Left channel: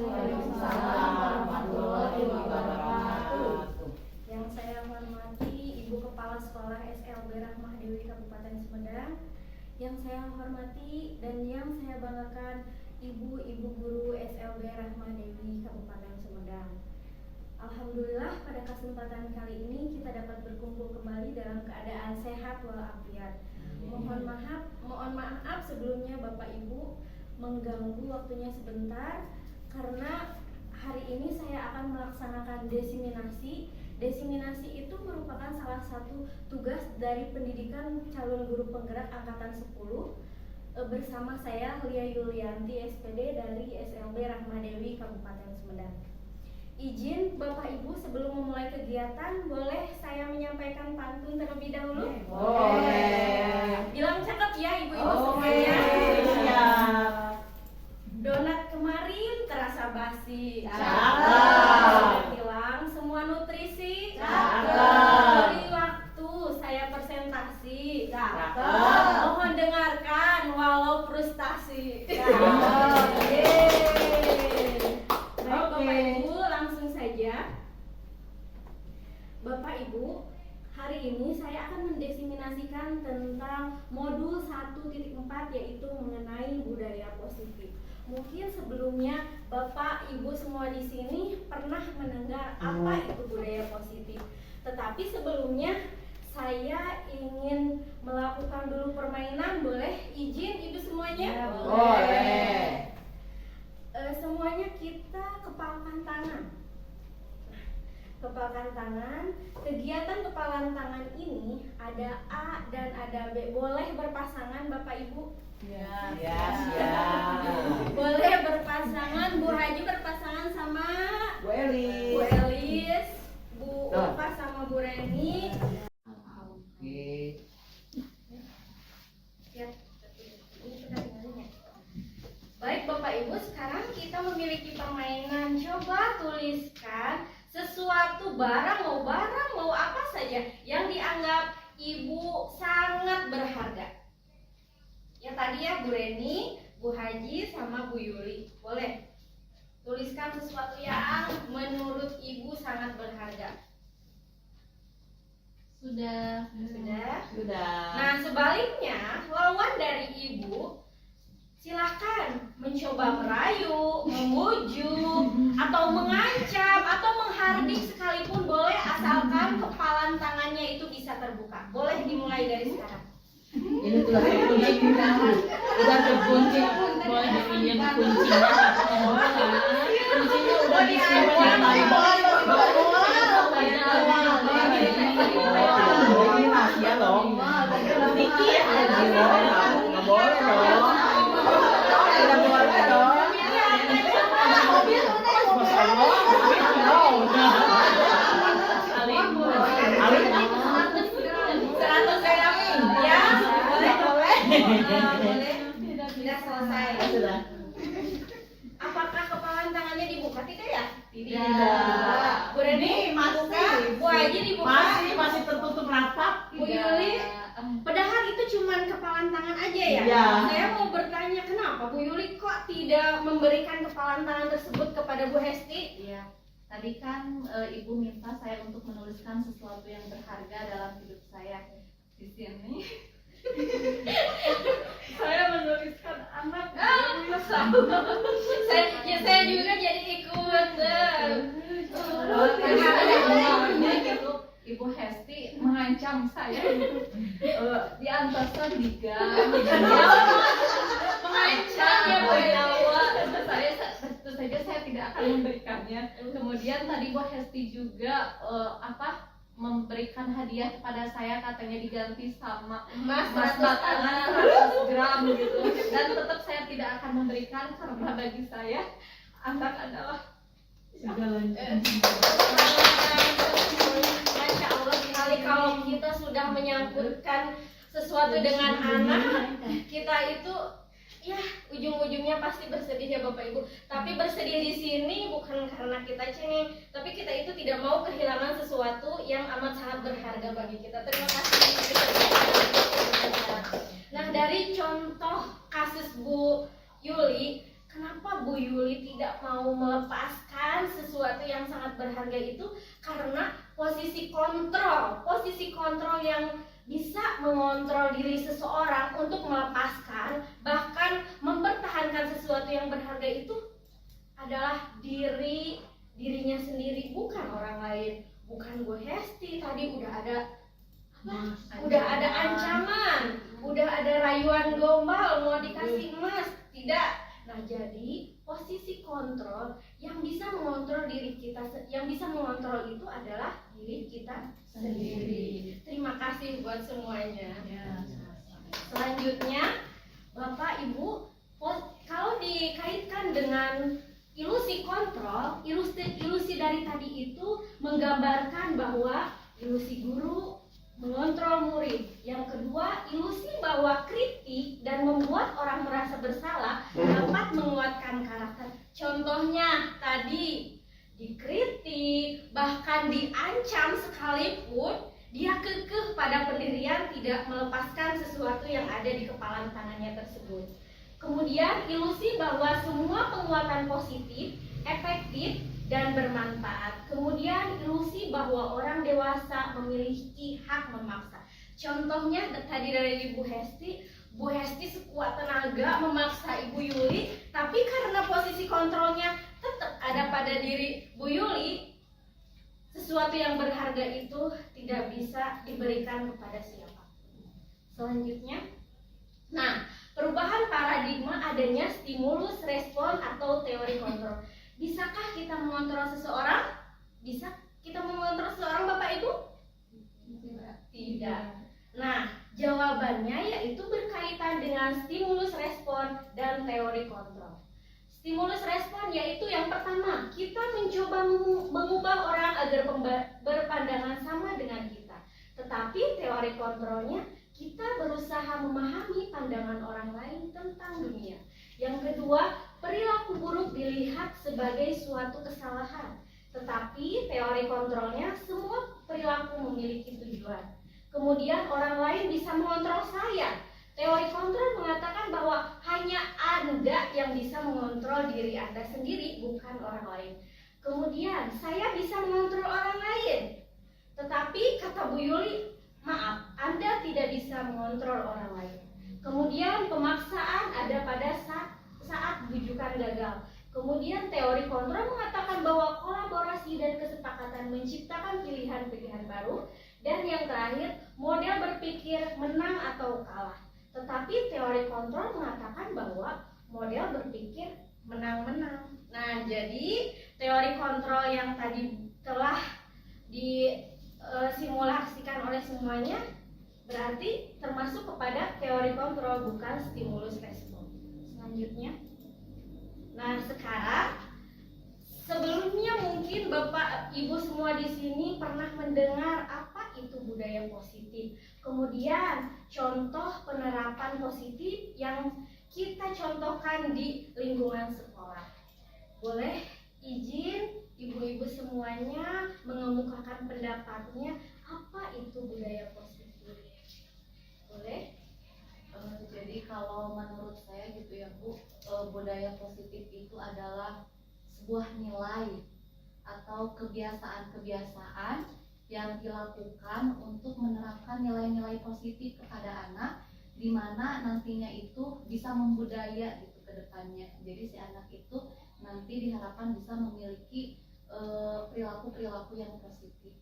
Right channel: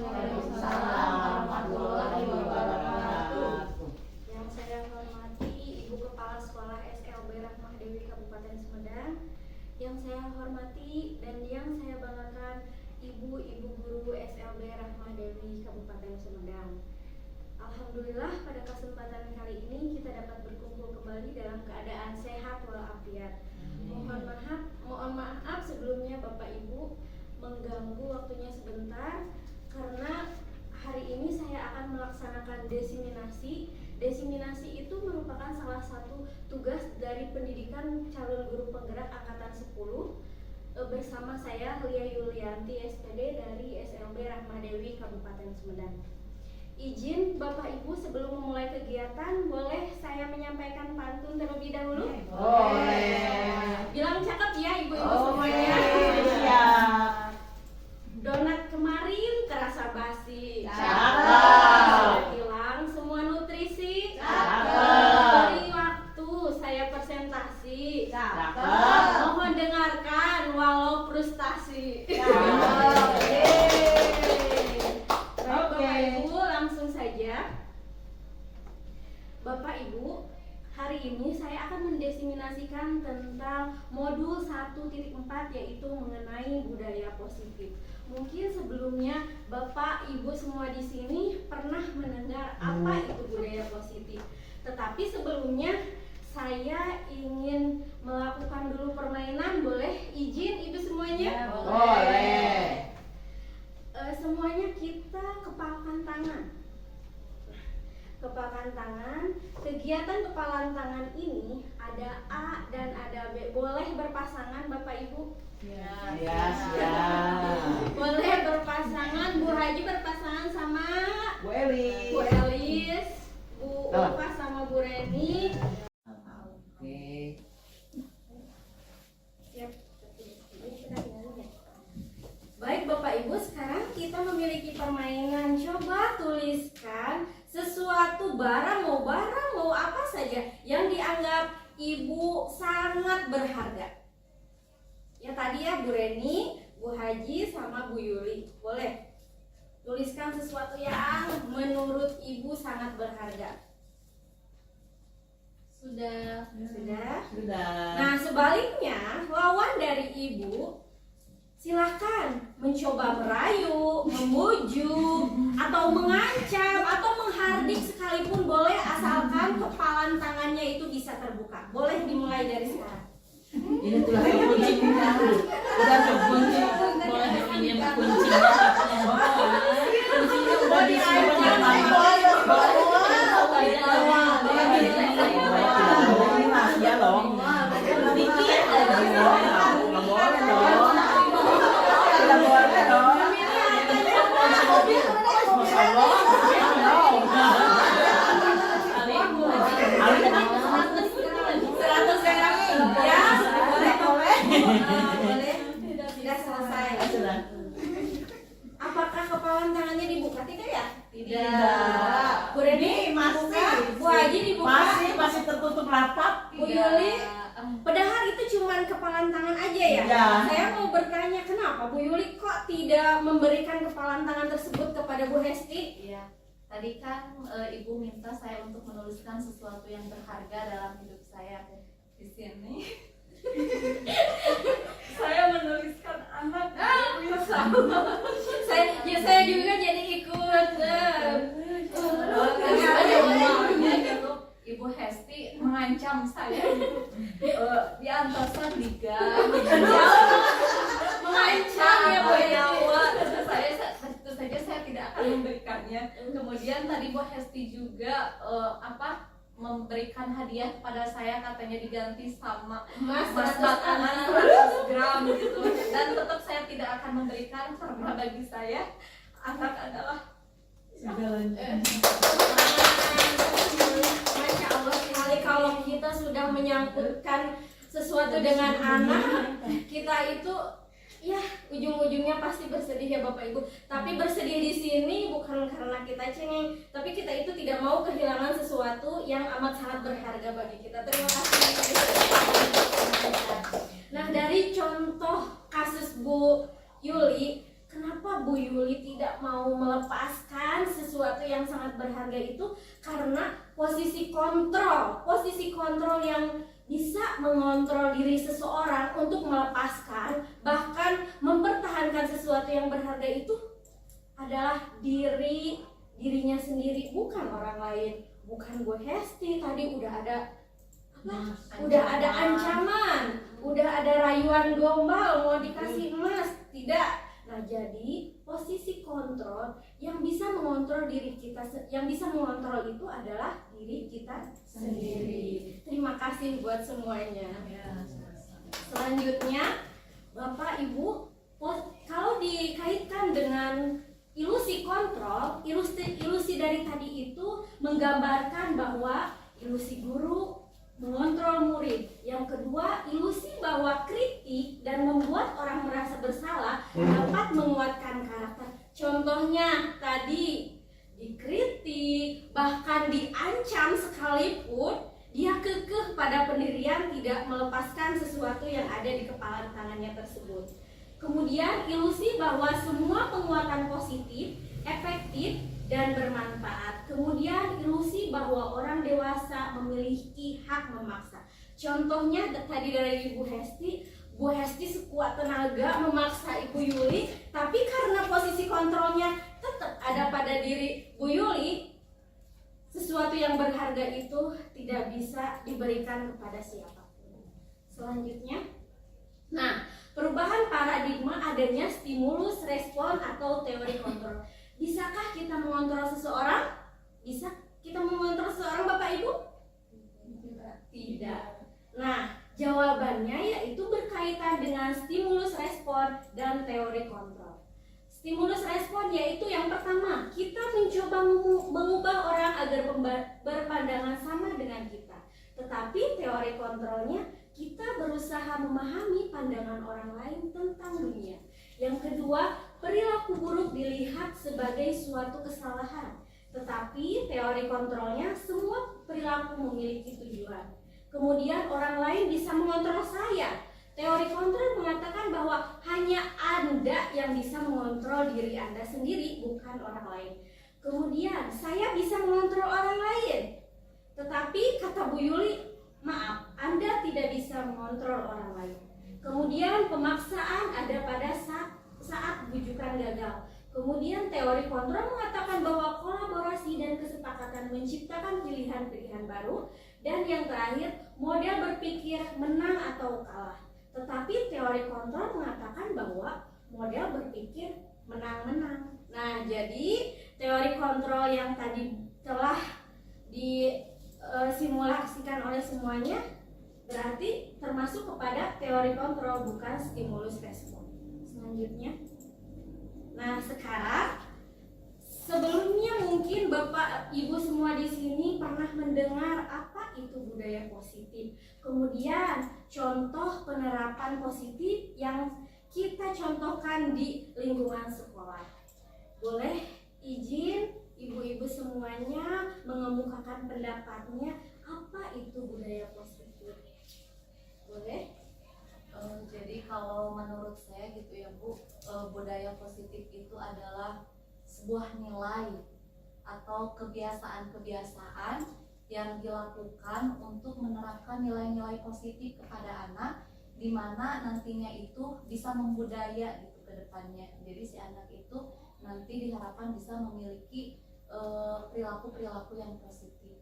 Waalaikumsalam warahmatullahi wabarakatuh. Yang saya hormati Ibu Kepala Sekolah SLB Rahmah Dewi Kabupaten Sumedang. Yang saya hormati dan yang saya banggakan Ibu-ibu guru SLB Rahmah Dewi Kabupaten Sumedang. Alhamdulillah pada kesempatan kali ini kita dapat berkumpul kembali dalam keadaan sehat walafiat. Mohon maaf sebelumnya Bapak Ibu mengganggu waktunya sebentar karena hari ini saya akan melaksanakan desiminasi. Desiminasi itu merupakan salah satu tugas dari pendidikan calon guru penggerak angkatan 10 bersama saya Lia Yulianti SPD dari SLB Rahmah Dewi Kabupaten Sumedang. Izin Bapak Ibu sebelum memulai kegiatan boleh saya menyampaikan pantun terlebih dahulu? Boleh. Bilang cakep ya ibu-ibu semuanya. Siap. Donat kemarin terasa basi. Cakep. Hilang semua nutrisi. Cakep. Beri waktu saya presentasi. Cakep. Mohon dengarkan walau frustasi. Bapak Ibu langsung saja. Bapak Ibu, hari ini saya akan mendesiminasikan tentang modul 1.4 yaitu mengenai budaya positif. Mungkin sebelumnya Bapak Ibu semua di sini pernah mendengar apa itu budaya positif. Tetapi sebelumnya saya ingin melakukan dulu permainan, boleh izin Ibu semuanya? Boleh. Semuanya kita kepalkan tangan. Kepalkan tangan. Kegiatan kepalan tangan ini ada A dan ada B. Boleh berpasangan Bapak Ibu? Ya, siap. Boleh berpasangan. Bu Haji berpasangan sama Bu Elis. Bu Elis, Bu Ulfa sama Bu Reni. Oke. Siap. Baik Bapak Ibu, sekarang kita memiliki permainan. Coba tuliskan sesuatu barang mau apa saja yang dianggap Ibu sangat berharga. Ya tadi ya Bu Reni, Bu Haji sama Bu Yuli. Boleh tuliskan sesuatu yang menurut Ibu sangat berharga. Sudah. Nah sebaliknya lawan dari Ibu silahkan mencoba merayu, memujuk, atau mengancam, atau menghardik sekalipun boleh asalkan kepalan tangannya itu bisa terbuka. Boleh dimulai dari sekarang. Ini tuh kunci kita. Udah terkunci. Boleh pinjam kuncinya. Kuncinya udah disimpan. Rahasia loh. Dikit aja loh. Nggak boleh loh. Tidak boleh loh. Masya Allah. Boleh. Sudah selesai. Apakah kepalan tangannya dibuka? Tidak ya? Tidak. Bu Reni masih. Bu Haji dibuka. Masih tertutup rapat. Bu Yuli. Padahal itu cuman kepalan tangan aja ya? Iya. Saya mau bertanya kenapa Bu Yuli kok tidak memberikan kepalan tangan tersebut kepada Bu Hesti? Iya, tadi kan Ibu minta saya untuk menuliskan sesuatu yang berharga dalam hidup saya. Di sini saya menuliskan anak. Saya juga jadi ikut. Gitu. Ibu Hesti mengancam saya diantar saya di gang. Mengancam ya Bu Nawa. Tentu saja saya tidak akan memberikannya. Kemudian tadi Bu Hesti juga memberikan hadiah kepada saya, katanya diganti sama Mas makanan 100 gram gitu. Dan tetap saya tidak akan memberikan karena bagi saya anak adalah segalanya. Masya Allah sekali kalau kita sudah menyangkutkan sesuatu dengan anak, kita itu ya ujung-ujungnya pasti bersedih ya Bapak Ibu. Tapi bersedih di sini bukan karena kita cengeng, tapi kita itu tidak mau kehilangan sesuatu yang amat sangat berharga bagi kita. Terima kasih. Nah dari contoh kasus Bu Yuli, Kenapa Bu Yuli tidak mau melepaskan sesuatu yang sangat berharga itu? Karena posisi kontrol yang bisa mengontrol diri seseorang untuk melepaskan, bahkan mempertahankan sesuatu yang berharga itu adalah dirinya sendiri, bukan orang lain. Bukan Bu Hesti, tadi udah ada udah ada ancaman, udah ada rayuan gombal mau dikasih emas, tidak. Nah, jadi posisi kontrol yang bisa mengontrol diri kita, yang bisa mengontrol itu adalah diri kita sendiri. Terima kasih buat semuanya. Selanjutnya, Bapak Ibu, kalau dikaitkan dengan ilusi kontrol, ilusi dari tadi itu menggambarkan bahwa ilusi guru mengontrol murid. Yang kedua, ilusi bahwa kritik dan membuat orang merasa bersalah dapat menguatkan karakter. Contohnya tadi dikritik, bahkan diancam sekalipun dia kekeh pada pendirian, tidak melepaskan sesuatu yang ada di kepala tangannya tersebut. Kemudian ilusi bahwa semua penguatan positif, efektif, dan bermanfaat. Kemudian ilusi bahwa orang dewasa memiliki hak memaksa. Contohnya tadi dari Ibu Hesti, Bu Hesti sekuat tenaga memaksa Ibu Yuli, tapi karena posisi kontrolnya tetap ada pada diri Bu Yuli, sesuatu yang berharga itu tidak bisa diberikan kepada siapapun. Selanjutnya, nah, perubahan paradigma adanya stimulus respon atau teori kontrol. Bisakah kita mengontrol seseorang? Bisa kita mengontrol seseorang, Bapak Ibu? Tidak. Nah, jawabannya yaitu berkaitan dengan stimulus respon dan teori kontrol. Stimulus respon yaitu yang pertama, kita mencoba mengubah orang agar berpandangan sama dengan kita. Tetapi teori kontrolnya, kita berusaha memahami pandangan orang lain tentang dunia. Yang kedua, perilaku buruk dilihat sebagai suatu kesalahan. Tetapi teori kontrolnya, semua perilaku memiliki tujuan. Kemudian orang lain bisa mengontrol saya. Teori kontrol mengatakan bahwa hanya Anda yang bisa mengontrol diri Anda sendiri, bukan orang lain. Kemudian saya bisa mengontrol orang lain. Tetapi kata Bu Yuli, maaf, Anda tidak bisa mengontrol orang lain. Kemudian pemaksaan ada pada saat bujukan gagal. Kemudian teori kontrol mengatakan bahwa kolaborasi dan kesepakatan menciptakan pilihan-pilihan baru. Dan yang terakhir, model berpikir menang atau kalah. Tetapi teori kontrol mengatakan bahwa model berpikir menang-menang. Nah, jadi teori kontrol yang tadi telah disimulasikan oleh semuanya berarti termasuk kepada teori kontrol, bukan stimulus respon. Selanjutnya, nah sekarang sebelumnya mungkin Bapak Ibu semua di sini pernah mendengar apa itu budaya positif. Kemudian contoh penerapan positif yang kita contohkan di lingkungan sekolah. Boleh izin ibu-ibu semuanya mengemukakan pendapatnya, apa itu budaya positif? Boleh? Jadi kalau menurut saya gitu ya Bu, budaya positif itu adalah sebuah nilai atau kebiasaan-kebiasaan yang dilakukan untuk menerapkan nilai-nilai positif kepada anak, di mana nantinya itu bisa membudaya gitu ke depannya. Jadi si anak itu nanti diharapkan bisa memiliki perilaku-perilaku yang positif.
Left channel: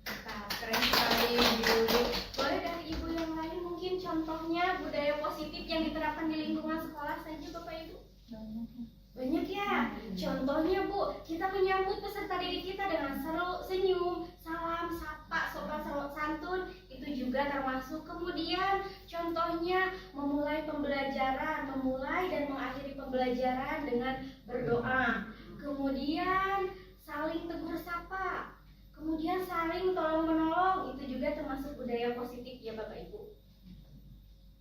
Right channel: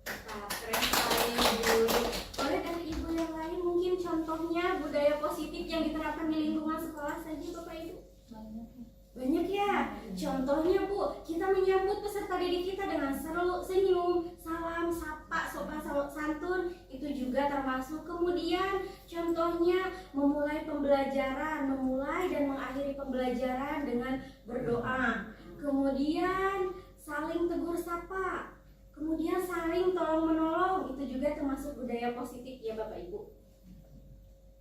Nah, keren sekali Bu. Boleh dari ibu yang lain mungkin contohnya budaya positif yang diterapkan di lingkungan sekolah saja Bapak Ibu? Banyak ya. Contohnya Bu, kita menyambut peserta didik kita dengan senyum, salam, sapa, sopan santun, itu juga termasuk. Kemudian contohnya memulai dan mengakhiri pembelajaran dengan berdoa. Kemudian saling tegur sapa. Kemudian saling tolong menolong, itu juga termasuk budaya positif ya Bapak Ibu.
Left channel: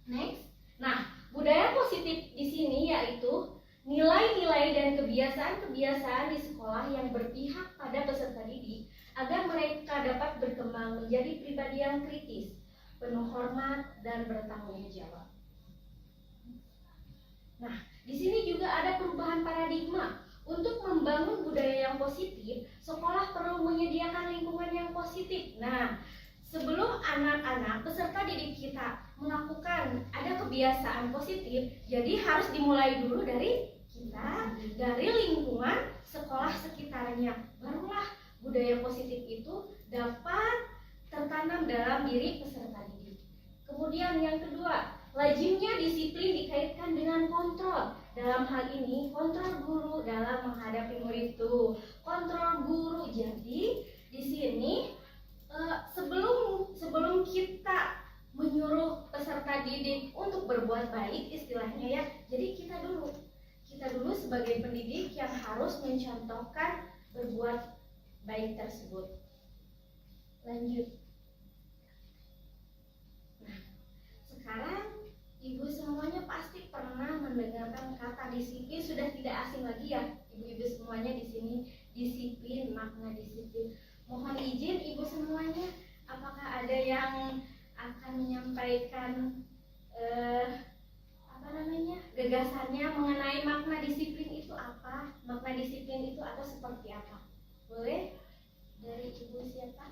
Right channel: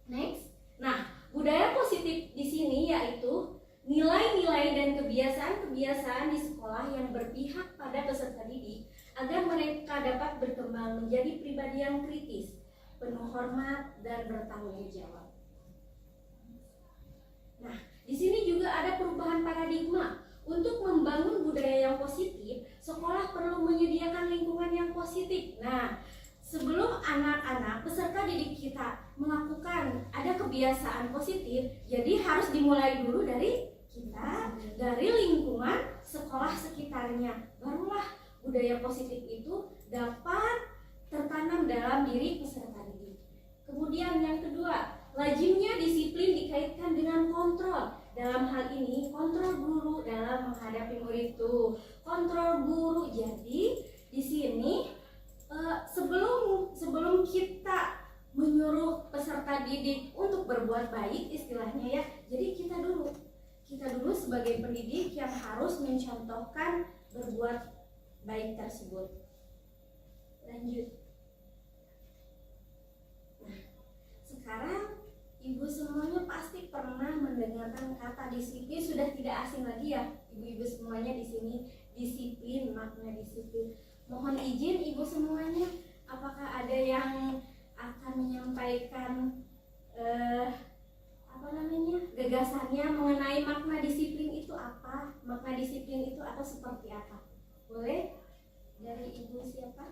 Next. Nah, budaya positif di sini yaitu nilai-nilai dan kebiasaan-kebiasaan di sekolah yang berpihak pada peserta didik agar mereka dapat berkembang menjadi pribadi yang kritis, penuh hormat dan bertanggung jawab. Nah, Di sini juga ada perubahan paradigma. Untuk membangun budaya yang positif, sekolah perlu menyediakan lingkungan yang positif. Nah, sebelum anak-anak peserta didik kita melakukan ada kebiasaan positif, jadi harus dimulai dulu dari kita, dari lingkungan sekolah sekitarnya. Barulah budaya positif itu dapat tertanam dalam diri peserta didik. Kemudian yang kedua, lazimnya disiplin dikaitkan dengan kontrol. Dalam hal ini kontrol guru dalam menghadapi murid itu. Kontrol guru. Jadi di sini sebelum kita menyuruh peserta didik untuk berbuat baik istilahnya ya. Jadi kita dulu sebagai pendidik yang harus mencontohkan berbuat baik tersebut. Lanjut. Nah, sekarang ibu semuanya pasti pernah mendengarkan kata disiplin, sudah tidak asing lagi ya ibu-ibu semuanya di sini. Disiplin, makna disiplin. Mohon izin ibu semuanya, apakah ada yang akan menyampaikan gagasannya mengenai makna disiplin itu apa? Makna disiplin itu atau seperti apa? Boleh? Dari ibu siapa?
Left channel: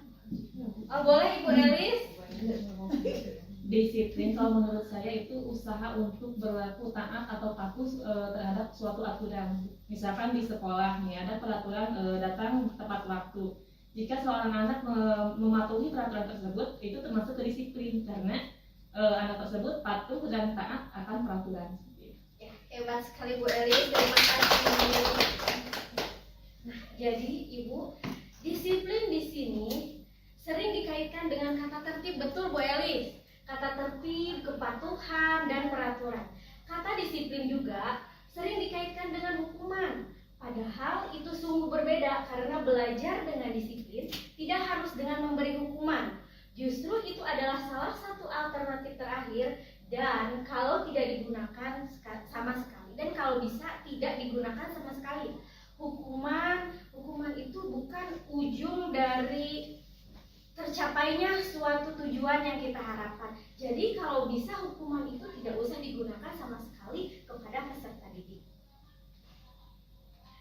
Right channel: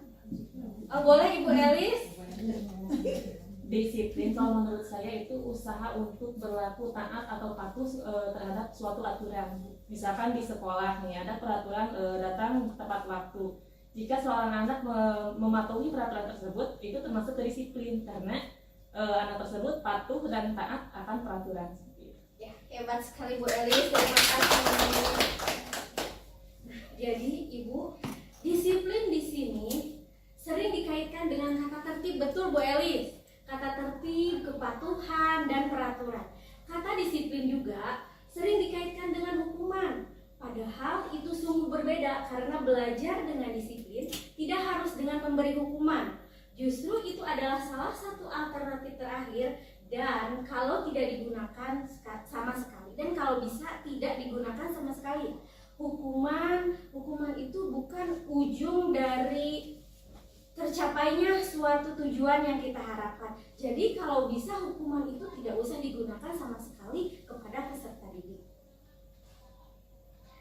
Oh, boleh ibu Elis? Disiplin kalau menurut saya itu usaha untuk berlaku taat atau patuh terhadap suatu aturan. Misalkan di sekolah nih ada peraturan datang tepat waktu. Jika seorang anak mematuhi peraturan tersebut, itu termasuk kedisiplin karena anak tersebut patuh dan taat akan peraturan. Ya, hebat sekali Bu Elis, terima kasih. Nah, jadi ibu, disiplin di sini sering dikaitkan dengan kata tertib, betul Bu Elis? Kata tertib, kepatuhan, dan peraturan. Kata disiplin juga sering dikaitkan dengan hukuman. Padahal itu sungguh berbeda karena belajar dengan disiplin tidak harus dengan memberi hukuman. Justru itu adalah salah satu alternatif terakhir dan kalau tidak digunakan sama sekali. Dan kalau bisa tidak digunakan sama sekali. Hukuman itu bukan ujung dari tercapainya suatu tujuan yang kita harapkan. Jadi kalau bisa hukuman itu tidak usah digunakan sama sekali kepada peserta didik.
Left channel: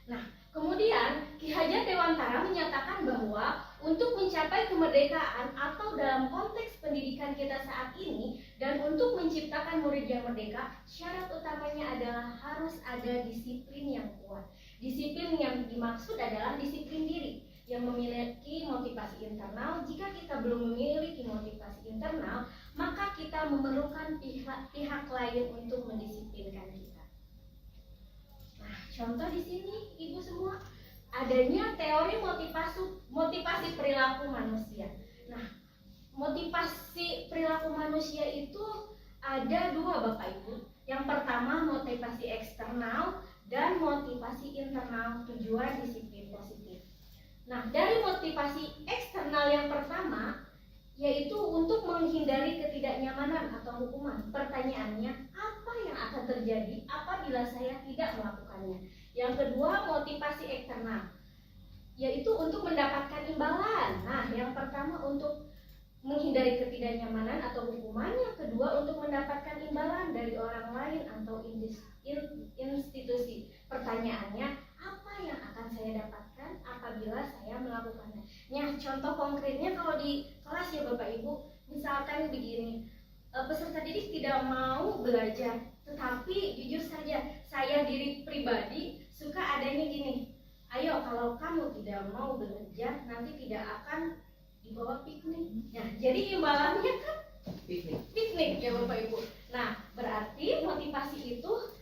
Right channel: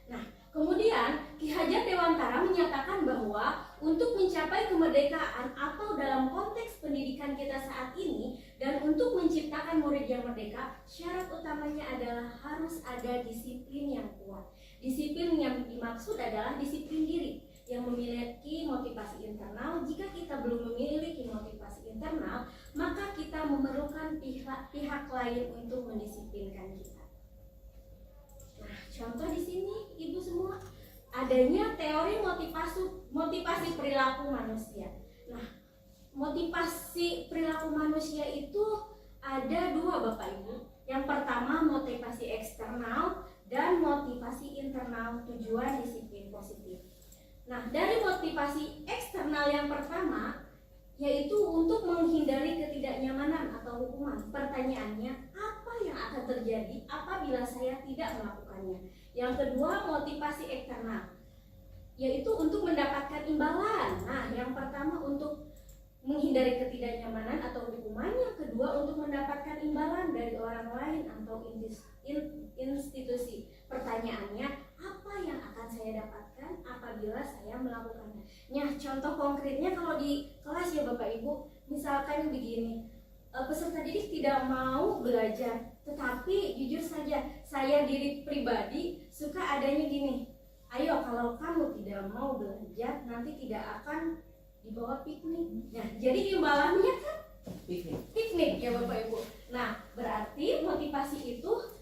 Nah, kemudian Ki Hajar Dewantara menyatakan bahwa untuk mencapai kemerdekaan atau dalam konteks pendidikan kita saat ini dan untuk menciptakan murid yang merdeka, syarat utamanya adalah harus ada disiplin yang kuat. Disiplin yang dimaksud adalah disiplin diri yang memiliki motivasi internal. Jika kita belum memiliki motivasi internal, maka kita memerlukan pihak lain untuk mendisiplinkan kita. Nah, contoh di sini ibu semua adanya teori motivasi perilaku manusia. Nah, motivasi perilaku manusia itu ada dua Bapak Ibu. Yang pertama motivasi eksternal dan motivasi internal tujuan disiplin positif. Nah, dari motivasi eksternal yang pertama yaitu untuk menghindari ketidaknyamanan atau hukuman. Pertanyaannya, apa yang akan terjadi apabila saya tidak melakukannya? Yang kedua, motivasi eksternal yaitu untuk mendapatkan imbalan. Nah, yang pertama untuk menghindari ketidaknyamanan atau hukuman, yang kedua untuk mendapatkan imbalan dari orang lain atau institusi. Pertanyaannya, apa yang akan saya dapatkan apabila saya melakukannya? Nah, contoh konkretnya kalau di kelas ya Bapak Ibu, misalkan begini, peserta didik tidak mau belajar, tetapi jujur saja saya diri pribadi suka adanya gini, ayo kalau kamu tidak mau belajar nanti tidak akan dibawa piknik. Nah, jadi imbalannya kan piknik ya Bapak Ibu. Nah, berarti motivasi itu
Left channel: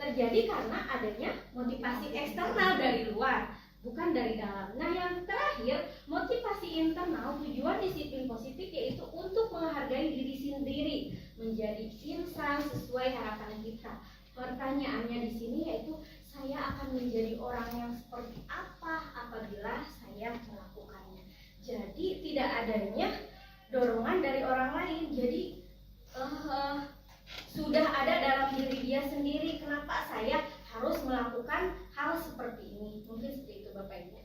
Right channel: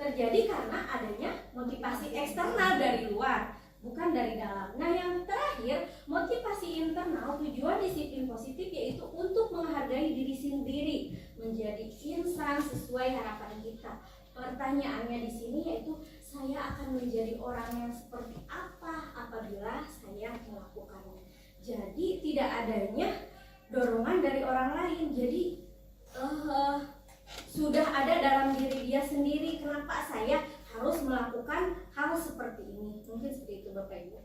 terjadi karena adanya motivasi eksternal dari luar, bukan dari dalam. Nah, yang terakhir, motivasi internal tujuan disiplin positif yaitu untuk menghargai diri sendiri, menjadi insan sesuai harapan kita. Pertanyaannya di sini yaitu saya akan menjadi orang yang seperti apa apabila saya melakukannya. Jadi tidak adanya dorongan dari orang lain. Jadi sudah ada dalam diri dia sendiri, kenapa saya harus melakukan hal seperti ini. Mungkin seperti itu Bapak Ibu.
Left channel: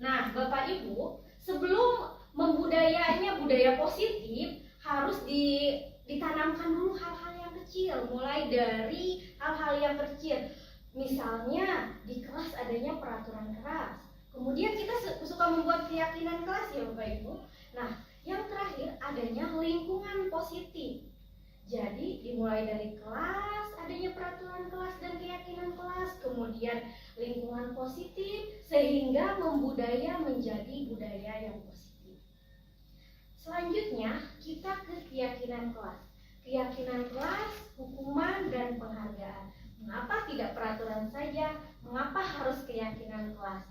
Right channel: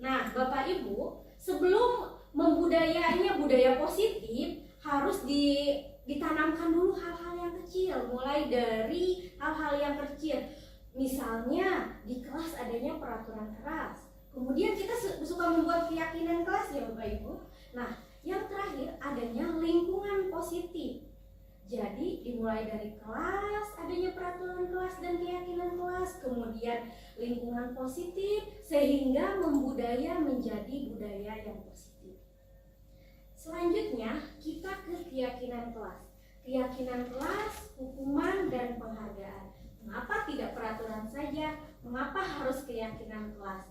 Nah, Bapak Ibu, sebelum membudayainya budaya positif harus ditanamkan dulu hal-hal yang yang kecil, mulai dari hal-hal yang kecil. Misalnya di kelas adanya peraturan kelas. Kemudian kita suka membuat keyakinan kelas ya Bapak Ibu. Nah, yang terakhir adanya lingkungan positif. Jadi dimulai dari kelas, adanya peraturan kelas dan keyakinan kelas, kemudian lingkungan positif sehingga membudaya menjadi budaya yang positif. Selanjutnya kita ke keyakinan kelas. Keyakinan kelas, hukuman dan penghargaan. Mengapa tidak peraturan saja? Mengapa harus keyakinan kelas?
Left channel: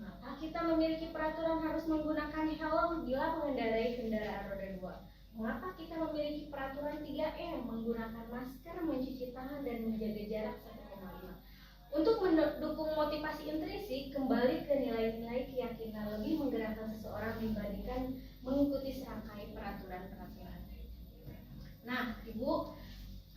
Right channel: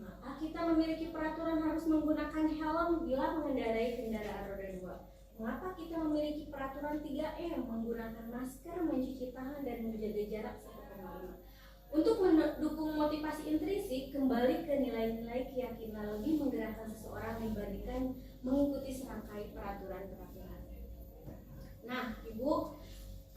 Mengapa kita memiliki peraturan harus menggunakan helm bila mengendarai kendaraan roda 2? Mengapa kita memiliki peraturan 3M, menggunakan masker, mencuci tangan, dan menjaga jarak 1,5? Untuk mendukung motivasi intrinsik, kembali ke nilai-nilai keyakinan lebih menggerakkan seseorang dibandingkan mengikuti serangkai peraturan-peraturan. Nah, Ibu,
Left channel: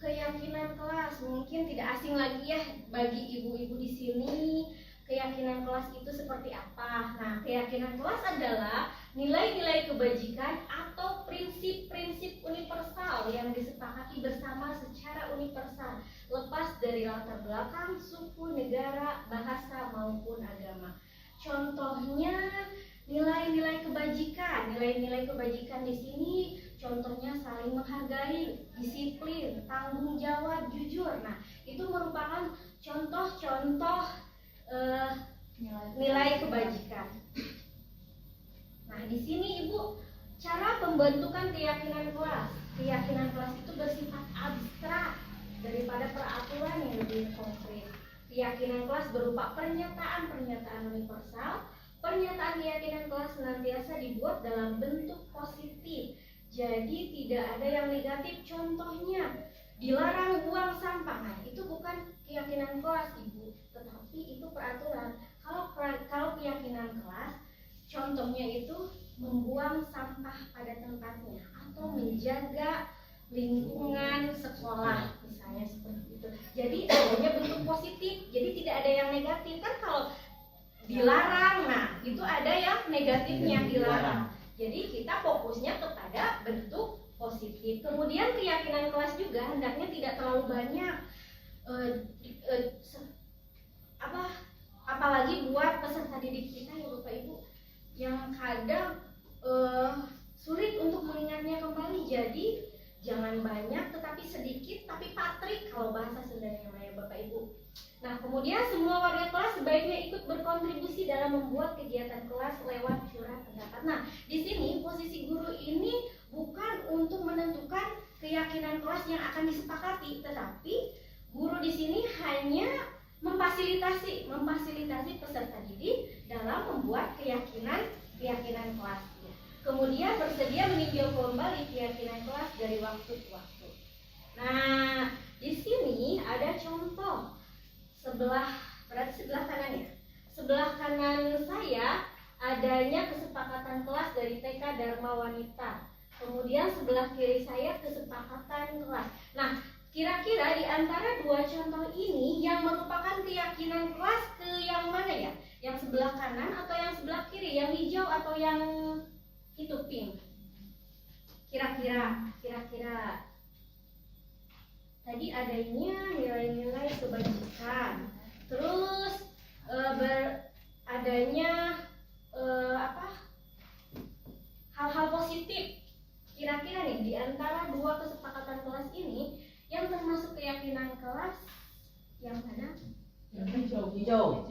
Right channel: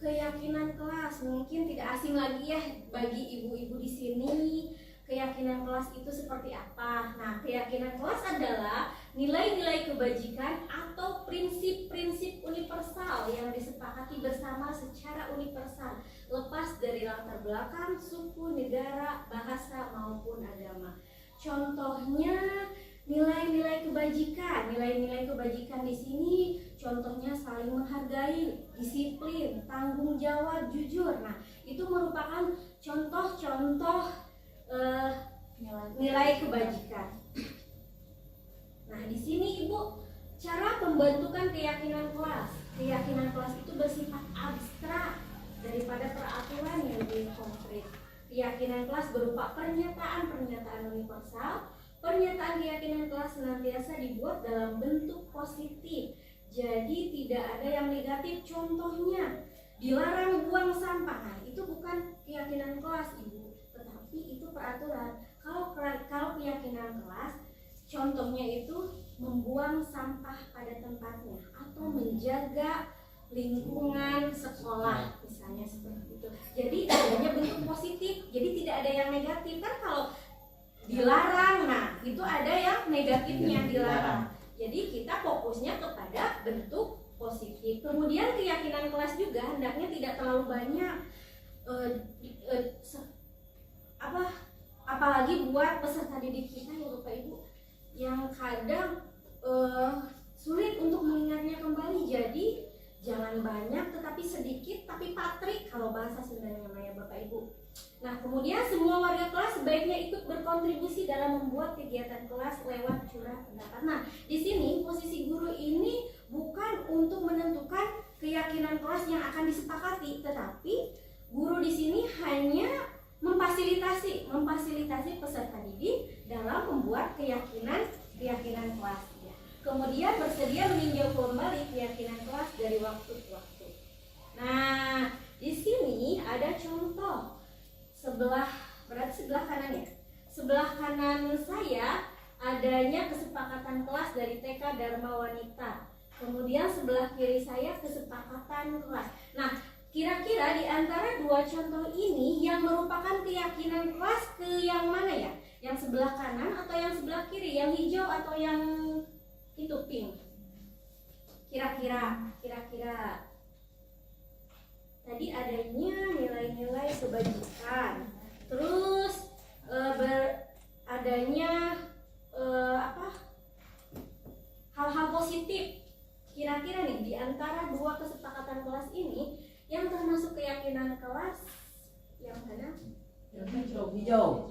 keyakinan kelas mungkin tidak asing lagi ya bagi ibu-ibu di sini. Keyakinan kelas itu seperti apa? Nah, keyakinan kelas adalah nilai-nilai kebajikan atau prinsip-prinsip universal yang disepakati bersama secara universal, lepas dari latar belakang, suku, negara, bahasa, maupun agama. Contohnya nilai-nilai kebajikan. Nilai-nilai kebajikan di sini contohnya saling menghargai, disiplin, tanggung jawab, jujur. Nah, itu merupakan contoh-contoh nilai kebajikan. Nah, di sini Ibu, cara pembentukan keyakinan kelas. Keyakinan kelas itu bersifat abstrak daripada peraturan yang lebih konkret. Keyakinan kelas berupa pernyataan-pernyataan universal. Pernyataan keyakinan kelas senantiasa dibuat dalam bentuk positif. Jadi tidak ada yang negatif. Contohnya, dilarang buang sampah. Nah, itu bukan keyakinan kelas, Ibu, tetapi itu peraturan. Kalau keyakinan kelas, contohnya itu membuang sampah pada tempatnya atau menjaga lingkungan sekolah, misalnya seperti itu. Jadi adanya bentuk positif, jadi tidak ada yang negatif. Kan kalau dilarang, nah itu ada yang negatifnya, dilarang. Jadi kita fokusnya kepada bentuk positif. Kemudian keyakinan kelas juga hendaknya tidak terlalu banyak, apalagi buat peserta didik kita ya Bapak Ibu, yang kadang sulit untuk mengingatnya kembali. Jadi jangan banyak tetapi sedikit tapi patrik kalau bahasa Sundanya ya Bapak Ibu. Nah, kemudian semua warga kelas sebaiknya ikut berkontribusi dalam membuat kegiatan kelas lewat curah pendapat. Nah, di sini posisi guru ini bukan untuk menentukan keyakinan kelas yang akan disepakati, tetapi guru di sini hanya memfasilitasi peserta didik dalam membuat keyakinan kelas. Kemudian bersedia meninjau kembali keyakinan kelas dari waktu ke waktu. Nah, di sini ada contoh berarti sebelah kanan ya. Sebelah kanan saya adanya kesepakatan kelas dari TK Dharma Wanita. Kemudian sebelah kiri saya kesepakatan kelas. Nah, kira-kira di antara dua contoh ini yang merupakan keyakinan kelas ke yang mana ya? Yang sebelah kanan atau yang sebelah kiri? Yang hijau atau yang itu pink? Kira-kira tadi adanya nilai-nilai kebajikan, terus adanya hal-hal positif. Kira-kira nih di antara dua kesepakatan kelas ini yang termasuk keyakinan kelas yang mana? Hijau.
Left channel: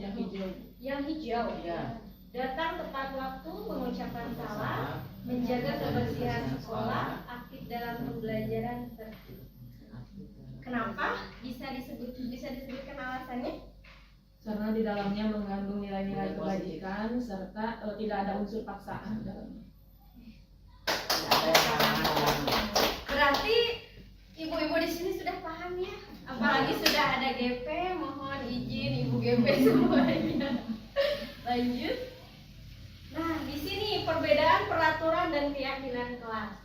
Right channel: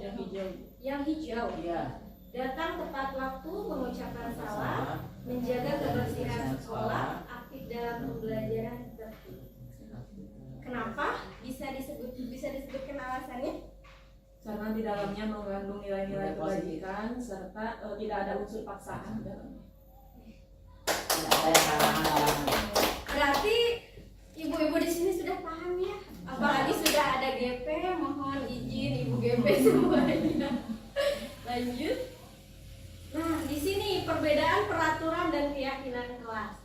Yang hijau. Iya. Datang tepat waktu, mengucapkan salam, menjaga kebersihan sekolah, aktif dalam pembelajaran, tertib. Kenapa bisa disebutkan alasannya? Karena di dalamnya mengandung nilai-nilai kebajikan serta tidak ada unsur paksaan dalamnya. Tidak ada yang salah. Berarti ibu-ibu di sini sudah paham ya? Apalagi sudah ada GP, mohon izin ibu GP semuanya. Lanjut. Nah, di sini perbedaan peraturan dan keyakinan kelas.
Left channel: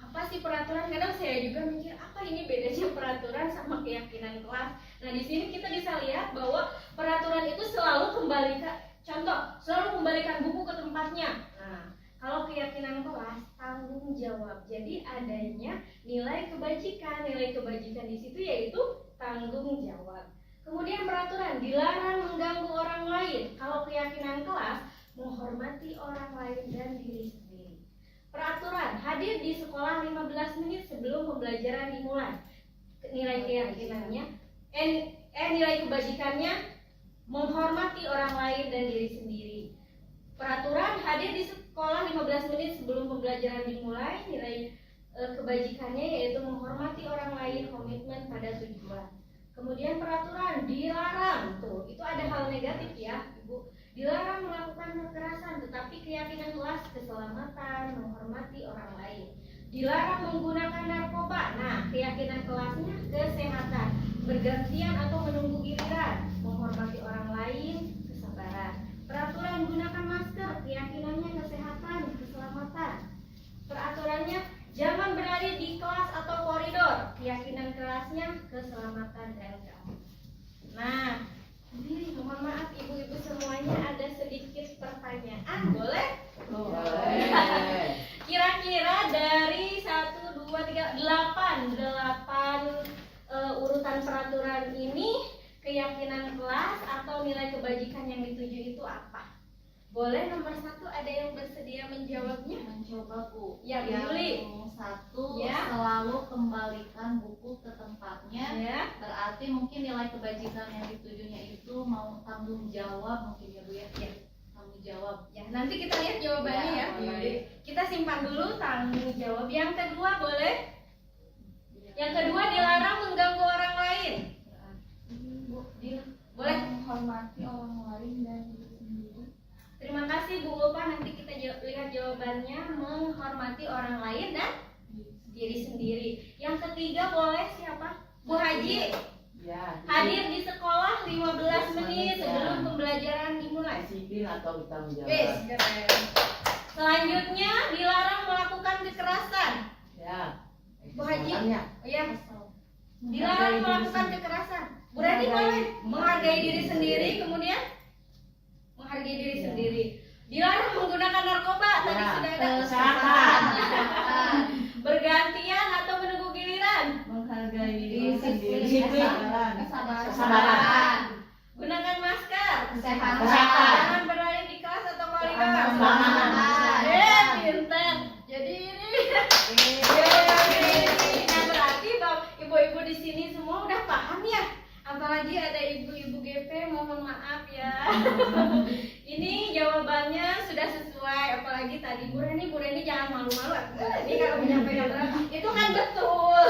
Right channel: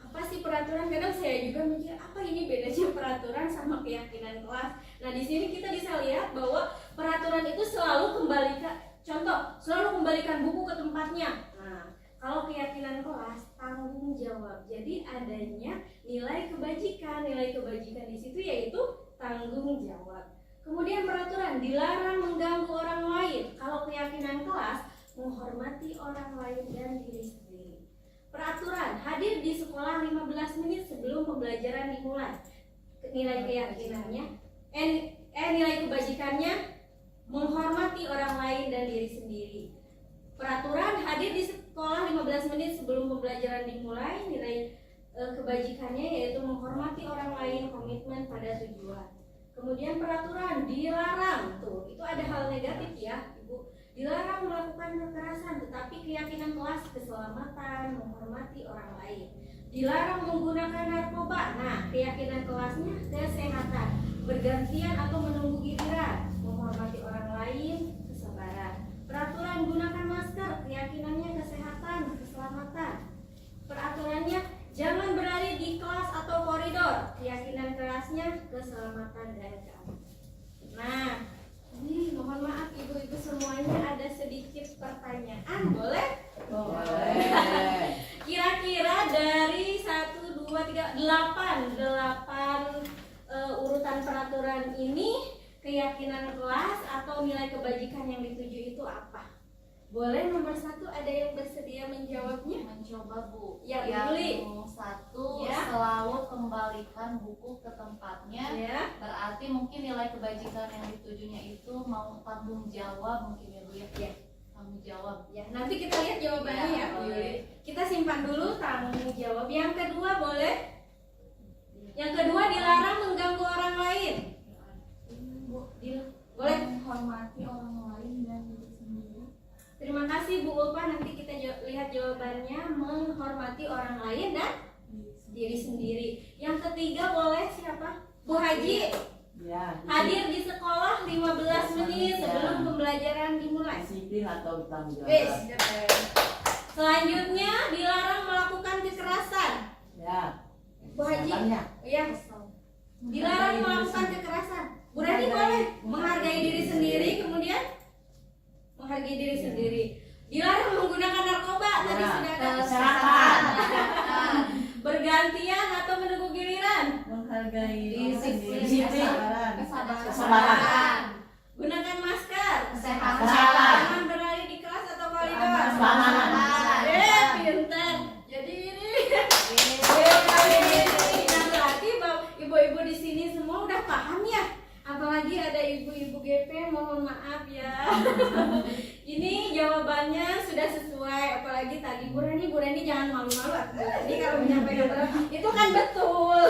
Apa sih peraturan? Kadang saya juga mikir apa ini bedanya peraturan sama keyakinan kelas. Nah, di sini kita bisa lihat bahwa peraturan itu selalu kembalikan buku ke tempatnya. Nah, Kalau keyakinan kelas, tanggung jawab. Jadi adanya nilai kebajikan. Nilai kebajikan di situ yaitu tanggung jawab. Kemudian peraturan, dilarang mengganggu orang lain. Kalau keyakinan kelas, menghormati orang lain dan diri sendiri. Peraturan, hadir di sekolah 15 menit sebelum pembelajaran dimulai. Nilai keyakinannya, nilai kebajikannya, menghormati orang lain dan diri sendiri. Peraturan, hadir di sekolah 15 menit sebelum pembelajaran dimulai. Nilai kebajikannya yaitu menghormati orang lain, komitmen pada tujuan. Kemudian peraturan, dilarang, tuh itu ada hal negatif ya Ibu, dilarang melakukan kekerasan, tetapi keyakinan kelas keselamatan, menghormati orang lain. Dilarang menggunakan narkoba, nah keyakinan kelasnya kesehatan, bergantian atau menunggu giliran, menghormati orang lain, kesabaran. Peraturan, gunakan masker, keyakinannya kesehatan, keselamatan. Peraturannya, jangan berlari di kelas atau koridor, keyakinan kelasnya keselamatan dan keamanan. Nah, ini mohon maaf ibu-ibu semuanya ada sedikit pertanyaan, boleh? Boleh. Kira-kira dari 1, 2, 3, 8 urutan peraturan ini, keyakinan kelas atau nilai kebajikan yang dituju itu apa? Boleh nomor 1 ada yang bersedia menjawabnya? Mencoba Bu. Ya, yang Yuli. 1 Ya. selalu kembalikan buku ke tempatnya. Ya. Berarti mungkin nilai kebajikan yang ditujunya itu mau tanggung jawab mungkin ya Bu ya. Ya. Tanggung jawab. Ya, nanti kita lihat jawabannya ya, Ya, Yuli. Kita simpan dulu tanggung jawab. Yang kedua boleh? Yang kedua, dilarang mengganggu orang lain. Boleh? Menghormati orang lain dan diri sendiri. Terima kasih Bu Ulfa, nanti kita lihat jawabannya. Menghormati orang lain dan diri sendiri. Yang ketiga boleh siapa? Bu Haji. Ya, Hadir di sekolah 15 menit sebelum pembelajaran dimulai. disiplin atau bertanggung Wes, jawab. keren. Selanjutnya, dilarang melakukan kekerasan. Ya. Bu Haji. Kesempatannya. Ya, dilarang melakukan kekerasan. Bu Rani boleh menghargai diri sendiri, kemudian menghargai diri sendiri. Dilarang menggunakan narkoba, tadi Ya, sudah ada. kesehatan. Bergantian atau menunggu giliran. Menghargai Disiplin. kesabaran. Kesabaran. Kesabaran. Gunakan masker. Kesehatan. Kesehatan. Jangan berlari di kelas atau koridor. Keamanan. Pintar. Jadi ini. Nah, berarti ibu-ibu di sini semua udah paham ya. Apalagi ada ibu-ibu GP, mohon maaf ya. Ini jawabannya sudah sesuai. Apalagi tadi Bu Reni jangan malu-malu. Bu Reni kalau menyampaikan berat itu kan betul.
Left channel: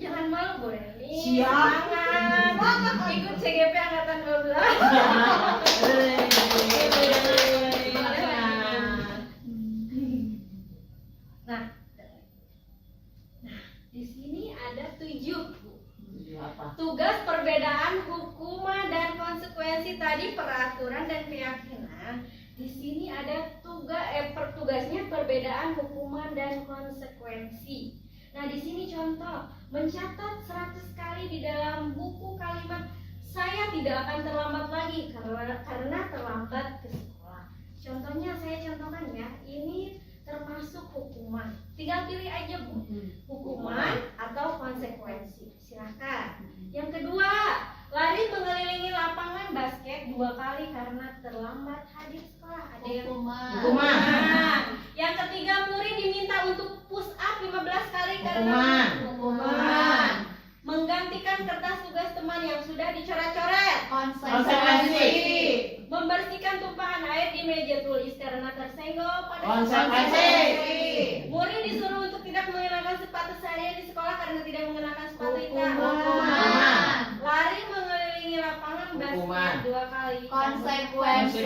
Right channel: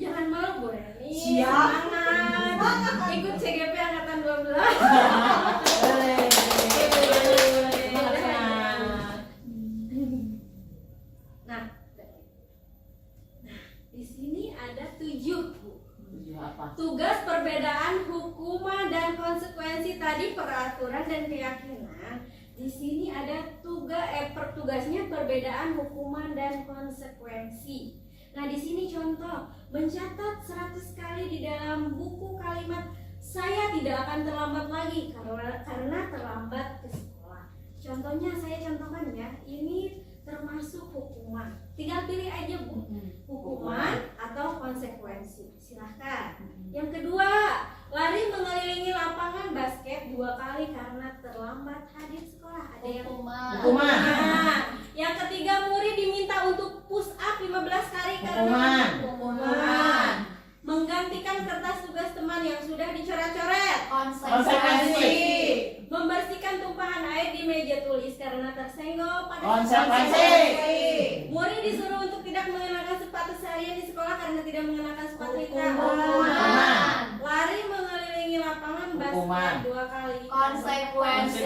Jangan malu Bu Reni. Siap. Semangat. Ikut CGP angkatan 12. Nah, di sini ada 7. Apa? Tugas perbedaan hukuman dan konsekuensi tadi peraturan dan keyakinan. Di sini ada tugasnya perbedaan hukuman dan konsekuensi. Nah, di sini contoh mencatat 100 kali di dalam buku kalimat saya tidak akan terlambat lagi karena terlambat ke sekolah. Contohnya saya contohkan ya, ini termasuk hukuman. Tinggal pilih aja Bu, hukuman atau konsekuensi. Silahkan. Yang kedua, lari mengelilingi lapangan basket 2 kali karena terlambat hadir sekolah. Ada yang Hukuman. hukuman. Yang ketiga, murid diminta untuk push up 15 kali karena hukuman. Menggantikan kertas tugas teman yang sudah dicoret-coret. Konsekuensi. Membersihkan tumpahan air di meja tulis karena tersenggol pada Konsekuensi. Murid disuruh untuk tidak mengenakan sepatu seharian di sekolah karena tidak mengenakan sepatu hitam. Hukuman. Lari mengelilingi lapangan Hukuman. basket 2 kali. Konsekuensi.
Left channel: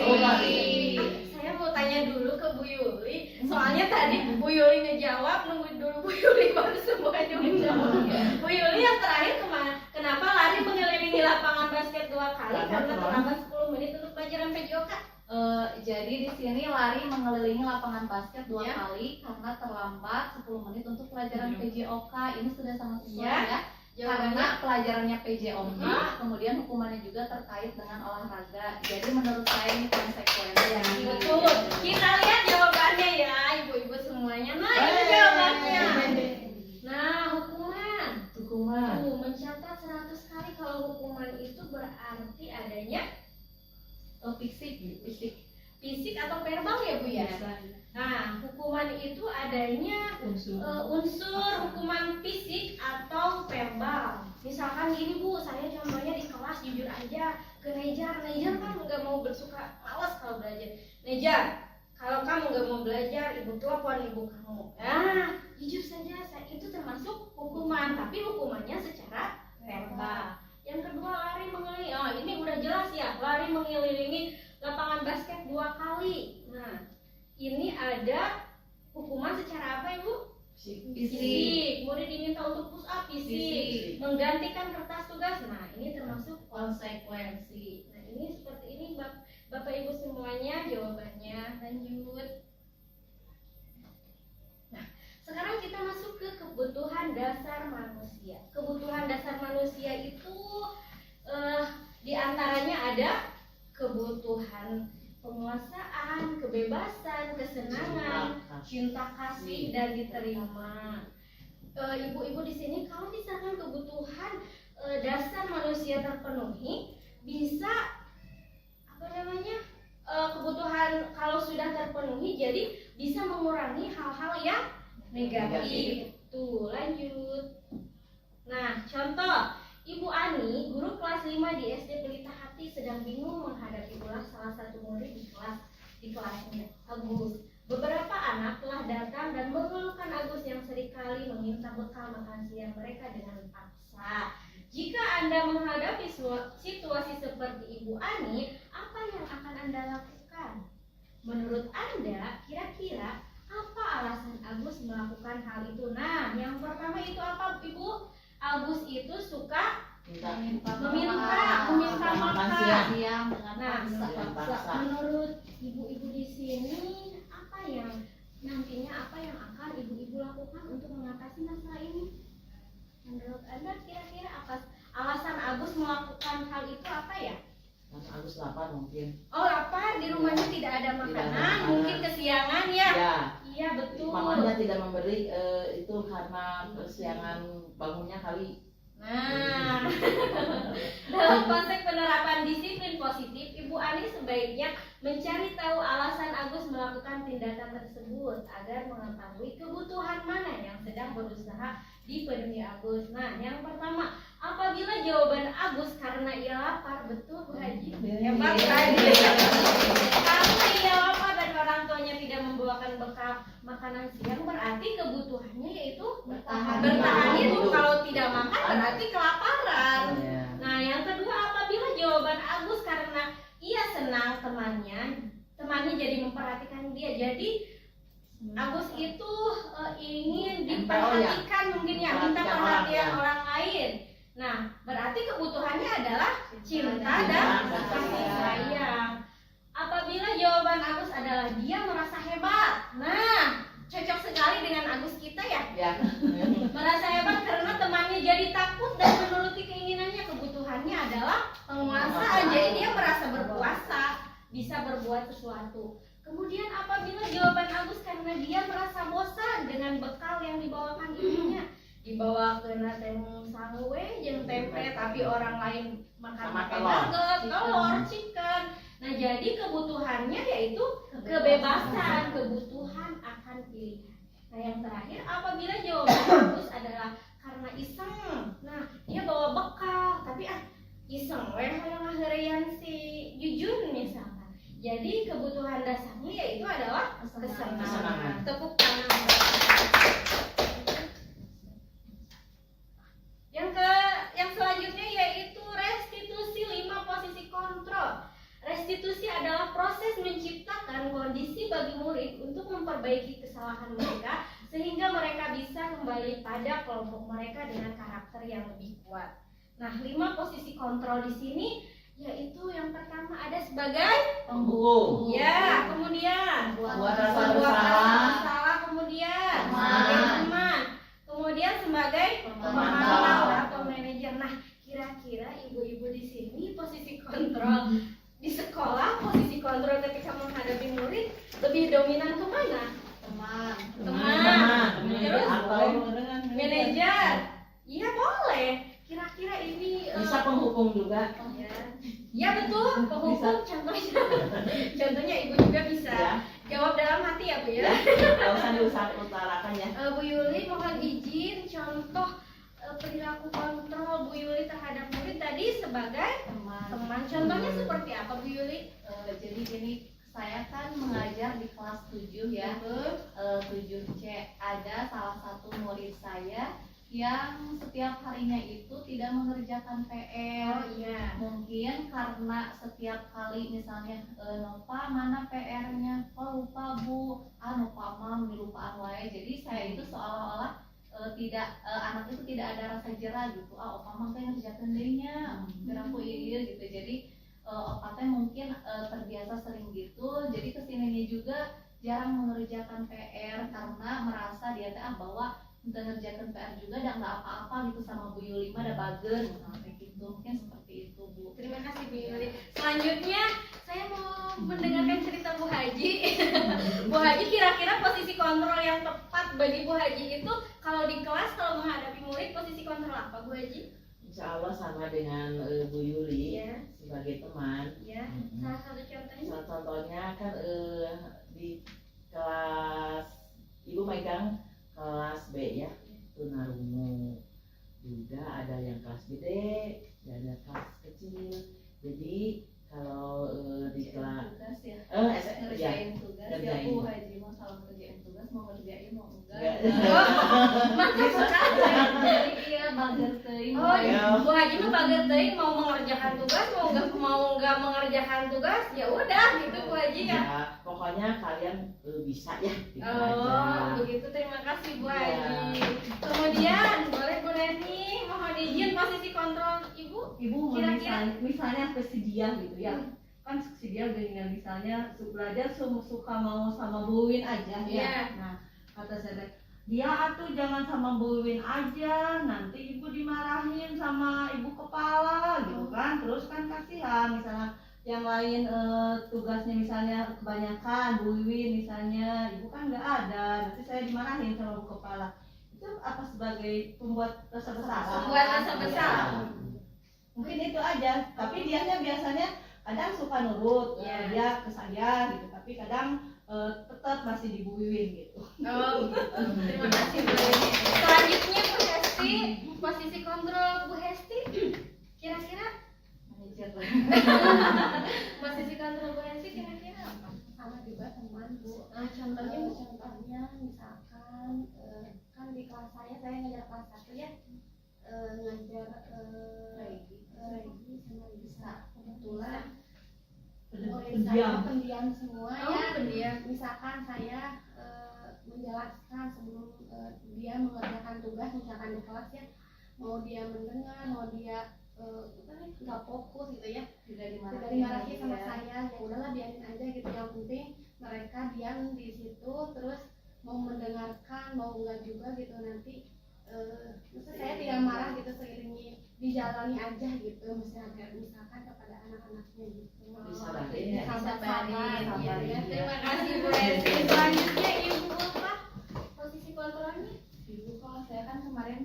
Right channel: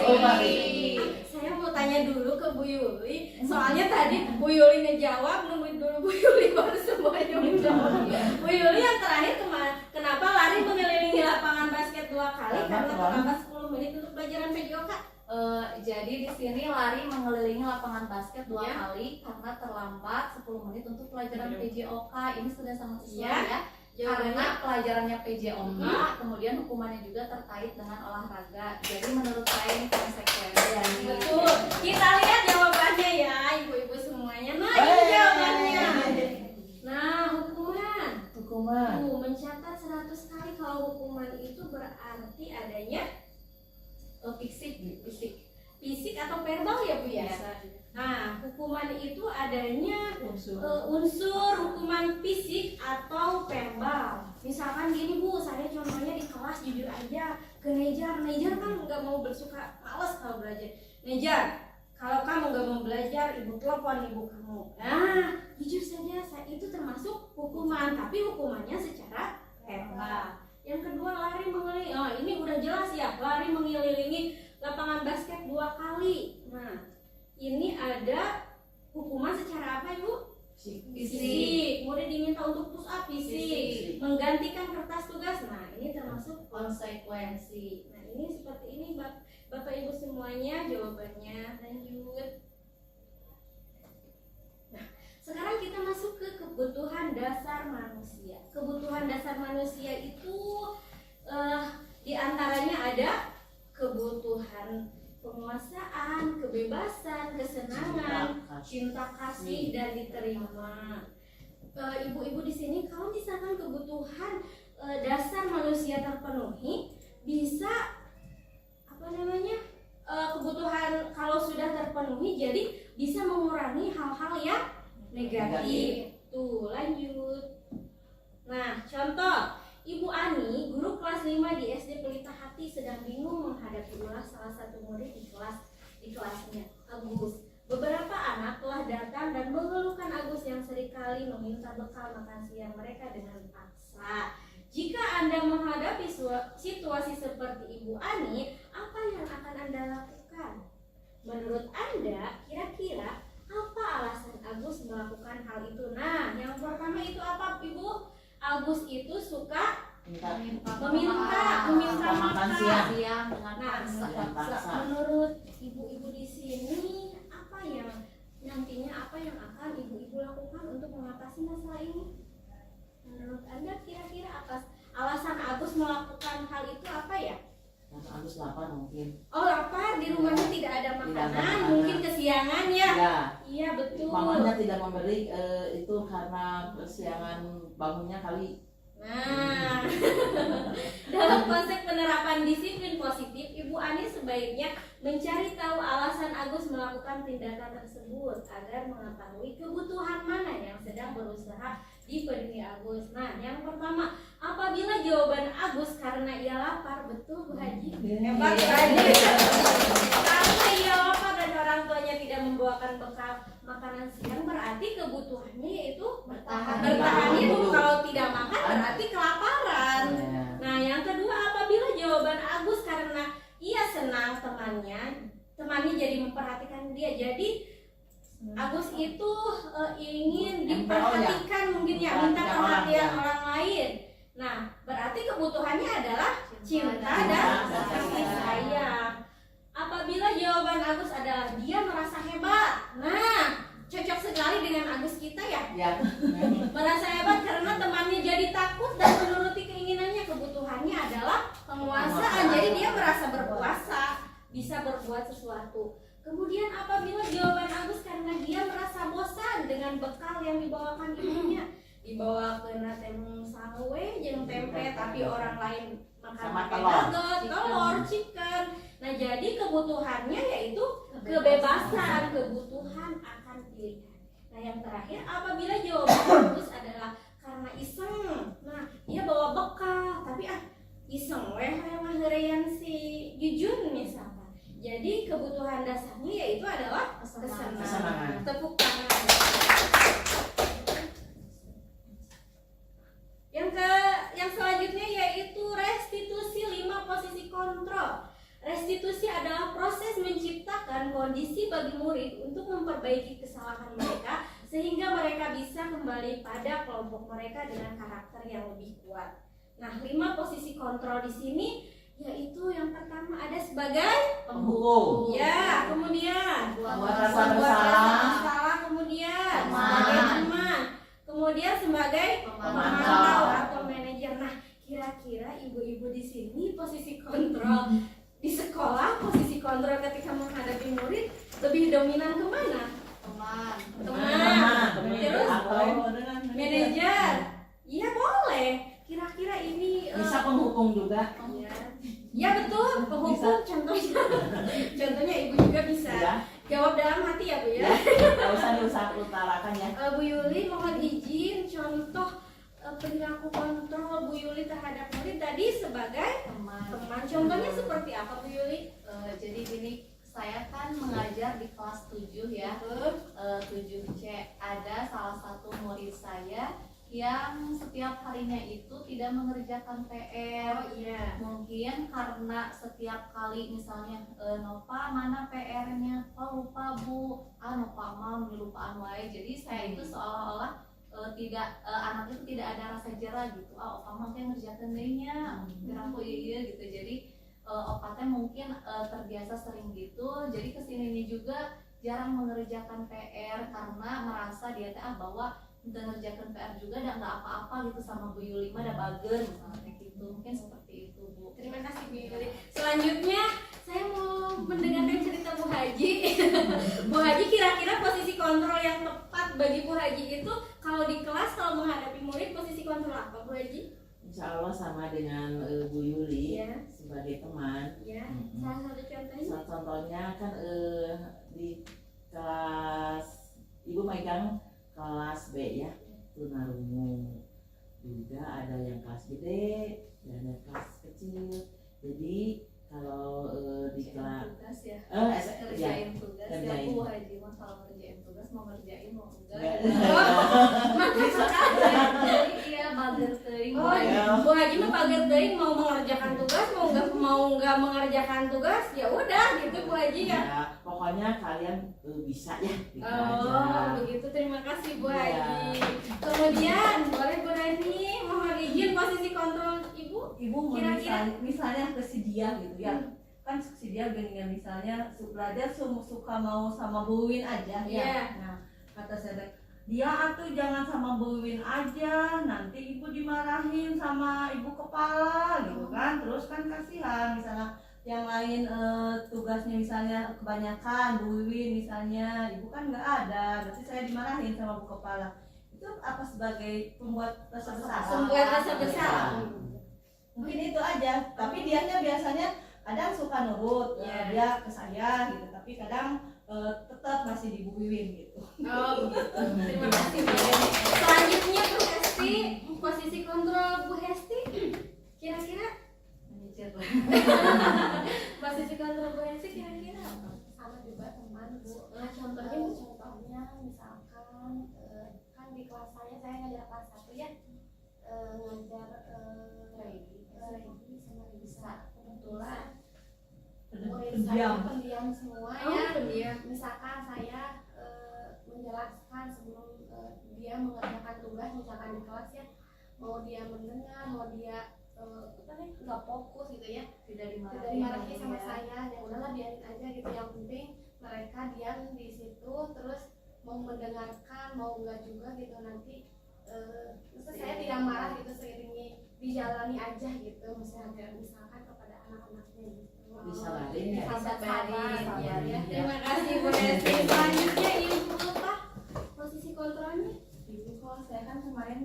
Saya mau tanya dulu ke Bu Yuli, soalnya tadi Bu Yuli ngejawab, nunggu dulu Bu Yuli baru semuanya menjawab. Bu Yuli yang terakhir kenapa lari mengelilingi lapangan basket 2 kali karena terlambat 10 menit untuk pelajaran PJOK? Jadi di sini lari mengelilingi lapangan basket 2 Ya. kali karena terlambat 10 menit untuk pelajaran PJOK. Ini sudah sangat sesuai Ya. ya. Karena pelajarannya PJOK, kemudian hukumannya juga terkait dengan olahraga. Jadi menurut saya ini konsekuensi. Betul. Kita lihat jawabannya ya. berarti adanya fisik. fisik atau verbal ya Bu ya. Nah, hukuman itu adanya unsur hukuman fisik atau verbal. Misalkan gini Bu, saya contohnya di kelas jujur aja ke Nejar kan nggak mau bersuka malas kalau belajar. Nejar, kalau kamu nggak mau belajar, ibu telepon ibu kamu. Nah, jujur saja itu termasuk hukuman, tapi hukumannya secara verbal. Yang kedua lari mengelilingi, oh ini udah jelas ya, lari mengelilingi lapangan basket 2 kali. Nah, ini ada hukuman secara apa ya Bu? Fisik. Kemudian diminta untuk push up fisik. Menggantikan kertas tugas. Nah, ini termasuk Konsekuensi. Nah, ini seperti ini Bapak Ibu semuanya jawabannya. Lanjut. Nah, sekarang kita masuk ke kebutuhan dasar manusia. Kebutuhan dasar manusia itu diantaranya ada kebutuhan penguasaan, kebebasan, kesenangan, cinta kasih dan diterima. Ibu-ibu di sini kalau misalkan kebutuhan dasar manusia terpenuhi, bisa kebutuhan kalau sudah terpenuhi jadi bisa mengurangi hal-hal yang negatif. Tuh, lanjut. Nah, contoh Ibu Ani, guru kelas 5 di SD Pelita Hati sedang bingung menghadapi ulah salah satu murid di kelasnya, Agus. Beberapa anak telah datang dan mengeluhkan Agus yang seringkali meminta bekal makan siang mereka dengan paksa. Jika Anda menghadapi situasi seperti Ibu Ani, apa yang akan Anda lakukan? Menurut Anda, kira-kira apa alasan Agus melakukan hal itu? Nah, yang pertama itu apa, Ibu? Agus itu suka meminta makan siang. Nah, menurut ibu-ibu di sini apa yang akan ibu-ibu lakukan untuk mengatasi masalah ini? Menurut Anda kira-kira apa alasan Agus melakukan hal itu apa ya? Agus lapar mungkin. Oh, lapar, di rumahnya tidak ada makanan, mungkin kesiangan ya. Iya, betul. Mamanya tidak memberi itu karena kesiangan bangunnya kali. Nah, dalam konsep penerapan disiplin positif, Ibu Ani sebaiknya mencari tahu alasan Agus melakukan tindakan tersebut agar mengetahui kebutuhan mana yang sedang berusaha dipenuhi Agus. Nah, yang pertama, apabila jawaban Agus karena ia lapar, betul Bu Haji? Hebat tadi. Karena ia lapar dan orang tuanya tidak membawakan bekal makanan siang, berarti kebutuhannya yaitu bertahan hidup. Kalau tidak makan berarti kelaparan. Nah, yang kedua, apabila jawaban Agus karena ia senang temannya jadi memperhatikan dia. Jadi Agus itu ingin diperhatikan mungkin ya, minta perhatian orang lain. Nah, berarti kebutuhannya adalah cinta dan kasih sayang. Apabila jawaban Agus adalah dia merasa hebat. Nah, cocok sekali dengan Agus kita ya. Merasa hebat karena temannya jadi takut dan menuruti keinginannya. Kebutuhannya adalah penguasaan. Jadi dia merasa berkuasa, bisa berbuat sesuatu. Kemudian apabila jawaban Agus karena dia merasa bosan dengan bekal yang dibawakan ibunya, dibawa ke temung salwe jeung tempe, tapi orang lain makan nugget, telur, chicken. Nah, jadi kebutuhannya yaitu kebebasan, kebutuhan akan pilihan. Nah, yang terakhir, apabila jawaban Agus adalah karena iseng. Nah, dia bawa bekal, tapi iseng yang ngaheurean si Jujun misalkan. Jadi kebutuhan dasarnya yaitu adalah kesenangan. Tepuk tangan. Yang selanjutnya yaitu restitusi 5 posisi kontrol. Restitusi adalah proses menciptakan kondisi bagi murid untuk memperbaiki kesalahan mereka sehingga mereka bisa kembali pada kelompok mereka dengan karakter yang lebih kuat. Nah, 5 posisi kontrol di sini yaitu yang pertama ada sebagai penghukum. Ya, kemudian buat rasa bersalah, kemudian sebagai teman, kemudian sebagai pemantau atau manajer. Nah, kira-kira ibu-ibu di sini posisi kontrol di sekolah, posisi kontrol ketika menghadapi murid lebih dominan kemana? Teman. Terus manajer. Iya boleh. Kira-kira ini bisa penghukum juga. Ya. Ya betul, penghukum contohnya ibu juga bisa Ya, jawab dalam hati ya Bu ya. nggak usah diutarakan ya. Bu Yuli mohon izin contoh perilaku kontrol Bu Yuli terhadap murid tadi sebagai teman. teman. Contohnya seperti apa Bu Yuli? Jadi gini, saya kan mengajar di kelas 7 ya. 7C. Ada salah satu murid saya yang setiap harinya itu tidak mengerjakan PR. Oh iya. Mungkin karena setiap kali misalnya Nova mana PR-nya? Oh lupa Bu. Nova mah kelupaan wae. Jadi saya itu seolah-olah tidak anak itu tidak ada rasa jerah gitu. Opa mah teh ngerjakeun deui nya. Aku ieu gitu. Jadi Opa teh mungkin terbiasa sering gitu. Jadi kesininya juga jarang mengerjakan PR karena merasa dia teh bahwa ngerjakan PR juga dan nggak apa-apa gitu sama Bu Yuli mah ada bagen misalnya kayak gitu. Mungkin seperti itu Bu. Terima kasih Bu Yuli. Selanjutnya saya mau mendengarkan cerita Bu Haji. Bu Haji kira-kira posisi kontrol yang tepat bagi Bu Haji itu kalau di kelas kalau menghadapi murid posisi kontrol apa Bu Haji? Insya Allah sama dengan Bu Yuli Iya. sebagai teman. Ya, Mm-mm. salah satu contohnya. Contohnya kan di kelas ibu megang kelas B ya, tunarungu juga ada yang kelas gede dan ada kelas kecil. Jadi kalau di kelas tugas ya. ya, Ngerjain tugas ya ngerjain. Bu Haji mah kalau ngerjain tugas mau ngerjain mau enggak. Bisa Jadi iya bager teuing. Oh, iya. Bu Haji mah baget teuing mau mengerjakan tugas, mau nggak mengerjakan tugas, ya udah gitu Bu Haji ya. Ya, pokoknya kalian bisa ya gitu Oh, aja. begitu. Terima kasih Bu Iya. Haji. Kemudian boleh Bu Neni mohon izin posisi kontrol Ibu. Ibu Kira-kira? misalnya kesedia gitu ya, kan kesedia dengan misalnya belajar suka mau sama Bu Win aja ya. Iya. Nah kata saya dia atuh jangan sama Bu Win aja, nanti ibu dimarahin sama ibu kepala gitu kan. Terus kan kasihan misalnya yang lain tugasnya misalnya kebanyakan Bu Win misalnya, ibu kan nggak ada, berarti saya dimarahin sama bu kepala. Itu apa sebagai pembuat rasa bersalah? Membuat rasa bersalah. Mungkin itu aja, tapi dianya biasanya kadang suka nurut, Iya. dia ke saya gitu, tapi kadang tetap masih dibuiwin gitu. Oh, begitu. Terima kasih Bu Neni. Selanjutnya Bu Hesti, posisi kontrol Bu Hesti. Kira-kira Manajer. posisi kontrol Bu Hesti kira-kira apa? Sama juga teman Bu. Contohnya Bu. Contohnya misalkan kan di kelas saya ngajar kelas 1 ya, ngajar Regi. Regi sama Risa. Kebetulan murid Pendiam. saya pendiam semua Oh, ya. pendiam. Misalkan saya menjelaskan sebelum dia mengerjakan tugas misalkan di kelas ya, mau dia mendengar, mau dia nggak fokus gitu ya, Tidak dimarahi sama ya. saya, ya udahlah biarin aja gitu, yang penting mereka diam di situ terus mau mendengarkan mau enggak juga gitu, nanti maksudnya saya tidak marah gitu, seiringi dijalani aja gitu, misalkan kepada anak-anaknya gitu. Disabarin ya. Disabarin, Sabar, ya. ya. Terima kasih Bu Hesti. Selanjutnya Ibu Ulfa, posisi kontrolnya. Ibu, kalau saya kan kemarin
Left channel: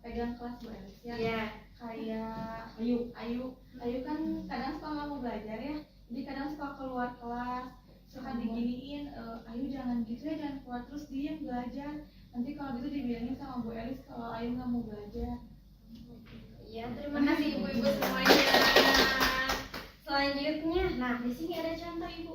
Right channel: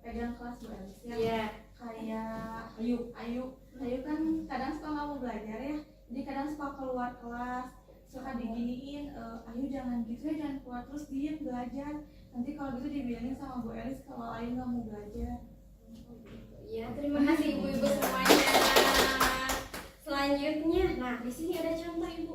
pegang kelas Bu Elis ya. Iya. Kayak Ayu kan kadang suka nggak mau belajar ya. Jadi kadang suka keluar kelas, suka diginiin, Ayu jangan gitu ya, jangan keluar terus diem belajar. Nanti kalau gitu dibilangin sama Bu Elis kalau Ayu nggak mau belajar. Iya, terima kasih ibu-ibu semuanya. Selanjutnya, nah di sini ada contoh Ibu.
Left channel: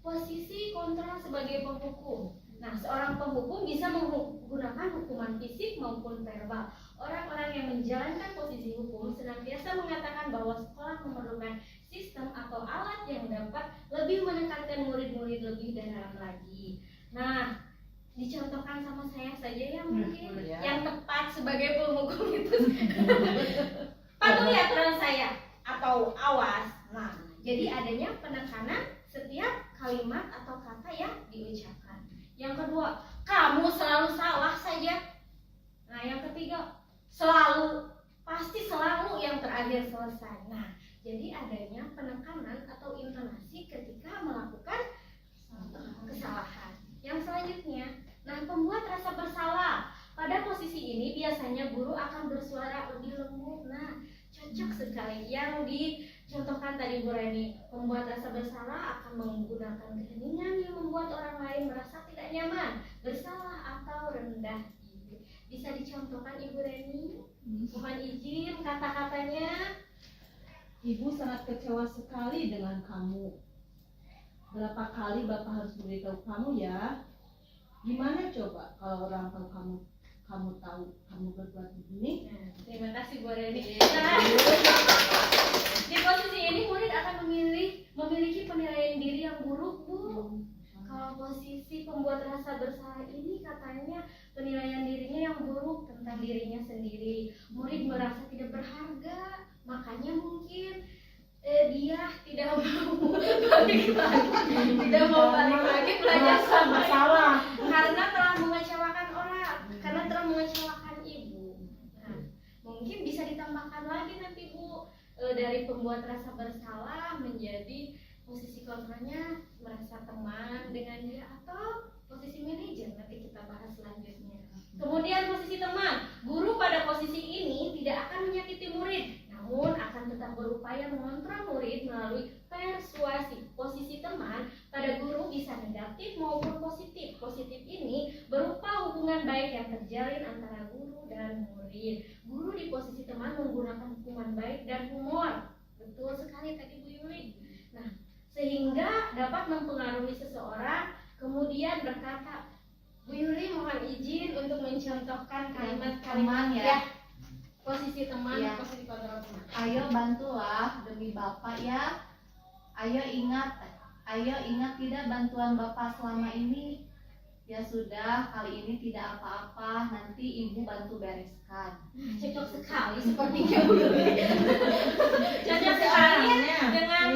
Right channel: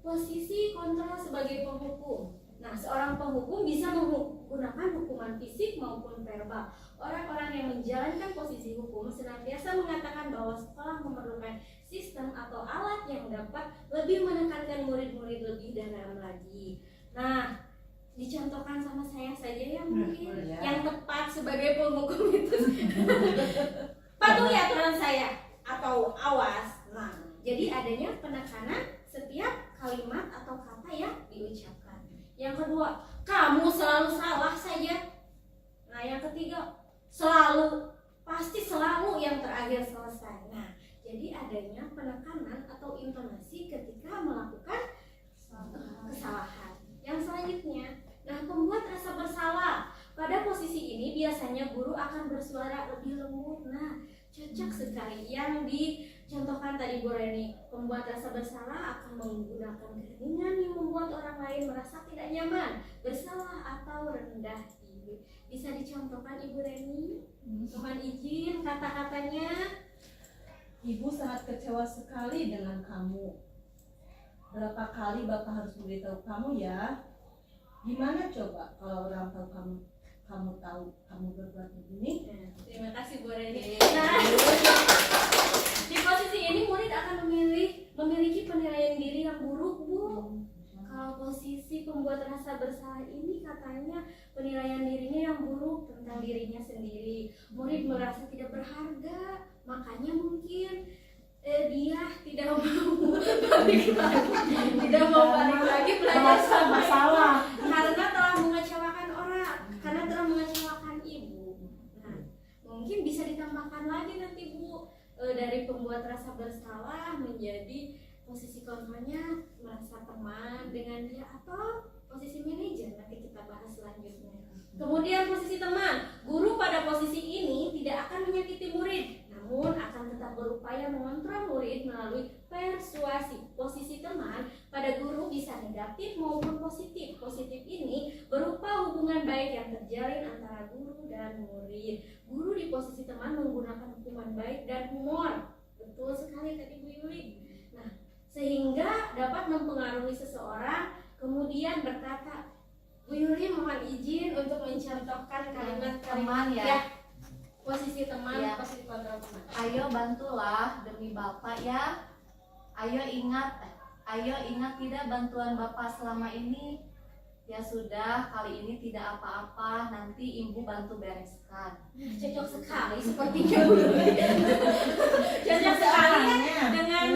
Posisi kontrol sebagai penghukum. Nah, seorang penghukum bisa menggunakan hukuman fisik maupun verbal. Orang-orang yang menjalankan posisi hukum senantiasa mengatakan bahwa sekolah memerlukan sistem atau alat yang dapat lebih menekankan murid-murid lebih dalam lagi. Nah, dicontohkan sama saya saja ya mungkin Ya. yang tepat sebagai penghukum itu. Patuhi aturan saya atau awas. Nah, jadi adanya penekanan setiap kalimat atau kata yang diucapkan. Yang kedua, kamu selalu salah saja. Nah, yang ketiga, pasti selalu yang terakhir selesai. Nah, jadi adanya penekanan atau intonasi ketika melakukan kesalahan. Yang selanjutnya, nah pembuat rasa bersalah. Pada posisi ini biasanya guru akan bersuara lebih lembut. Nah, cocok sekali yang Contohkan tadi Bu Reni, membuat rasa bersalah akan menggunakan keheningan yang membuat orang lain merasa tidak nyaman, bersalah atau rendah diri. Bisa dicontohkan Ibu Reni? Mohon izin kata-katanya. Ibu sangat kecewa sekali dengan kamu. Berapa kali Bapak harus beritahu kamu ya? Gimana coba kalau orang tua kamu tahu kamu berbuat begini? Nah, terima kasih Bu Reni. Nah, di posisi ini murid akan memiliki penilaian diri yang buruk, Bu. Kalau posisi pembuat rasa bersalah ini katanya penilaian dirinya yang buruk tentang dirinya sendiri. Murid merasa tidak berharga, makanya mungkin dia tidak mau balik lagi, tidak mau balik lagi belajar sama masalah. karena telah mengecewakan orang, karena telah mengecewakan ibu. Nah, mungkin bisa ditambahkan lagi nanti Bu, dari pembuat rasa bersalah menjadi posisi kontranya merasa teman dengan dia atau posisi manajer, nanti kita bahas selanjutnya. Kemudian posisi teman, guru pada posisi ini tidak akan menyakiti murid, namun akan tetap berupaya mengontrol murid melalui persuasi. Posisi teman pada guru bisa negatif maupun positif. Positif ini berupa hubungan baik yang terjalin antara guru dan murid. Guru di posisi teman menggunakan hubungan baik dan humor. Betul sekali tadi Bu Yuli. Nah, sehingga dapat mempengaruhi seseorang, kemudian berkata, Bu Yuli mohon izin untuk mencontohkan kalimat-kalimat Teman ya. posisi teman, Ya. posisi kontrol teman. Ayo bantulah demi Bapak ya. Ayo ingat tidak bantuan Bapak selama ini. Ya sudah, kali ini tidak apa-apa, nanti Ibu bantu bereskan. Cocok sekali sepertinya Bu Yuli. Cocok sekali ya dengan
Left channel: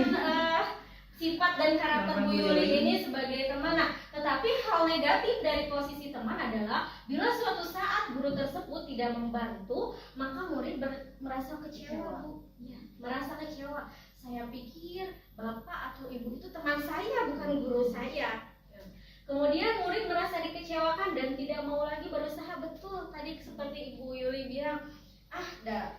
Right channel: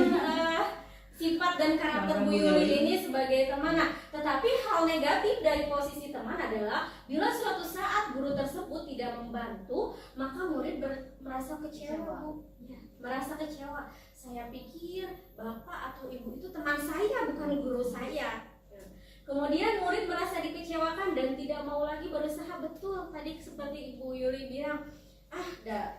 sifat dan karakter Bu Yuli ini sebagai teman. Nah, tetapi hal negatif dari posisi teman adalah bila suatu saat guru tersebut tidak membantu, maka murid merasa kecewa, Bu. Ya, merasa kecewa. Saya pikir Bapak atau Ibu itu teman saya, bukan guru saya. Kemudian murid merasa dikecewakan dan tidak mau lagi berusaha. Betul tadi seperti Ibu Yuli bilang,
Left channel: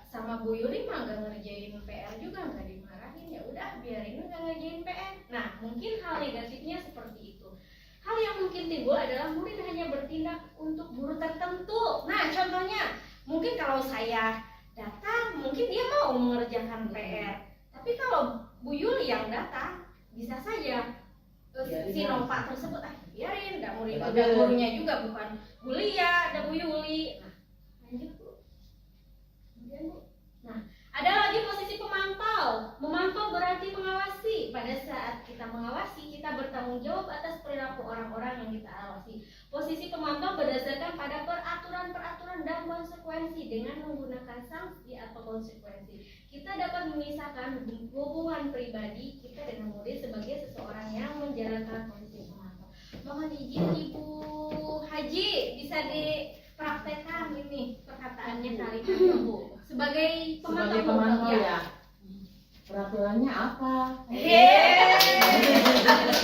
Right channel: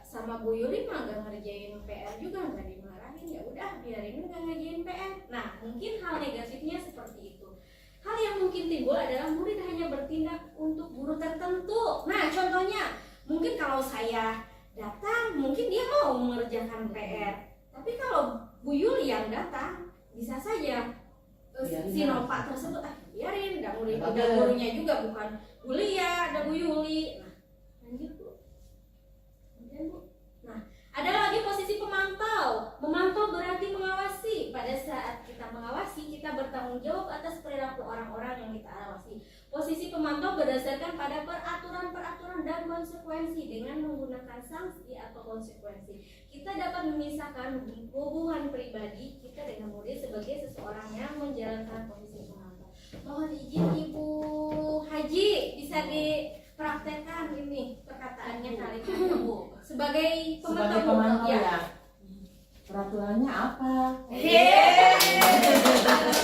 sama Bu Yuli mah gak ngerjain PR juga, gak dimarahin, ya udah biarin gak ngerjain PR. Nah, mungkin hal negatifnya seperti itu. Hal yang mungkin timbul adalah murid hanya bertindak untuk guru tertentu. Nah, contohnya mungkin kalau saya datang, mungkin dia mau mengerjakan PR. Tapi kalau Bu Yuli yang datang, bisa saja si Nova tersebut biarin, udah murid, udah gurunya juga bukan Bu Lia, ada Bu Yuli. Nah, lanjut Bu. Kemudian Bu, nah ada lagi posisi pemantau. Memantau berarti mengawasi. Pada saat kita mengawasi, kita bertanggung jawab atas perilaku orang-orang yang kita awasi. Posisi pemantau berdasarkan pada peraturan-peraturan dan konsekuensi dengan menggunakan sanksi atau konsekuensi. Kita dapat memisahkan hubungan pribadi kita dengan murid sebagai seseorang yang menjalankan posisi pemantau. Mohon izin Ibu Haji, bisa dipraktekkan ini perkataannya kali ini Bu. Sebagai pemantau, ya. Peraturannya apa?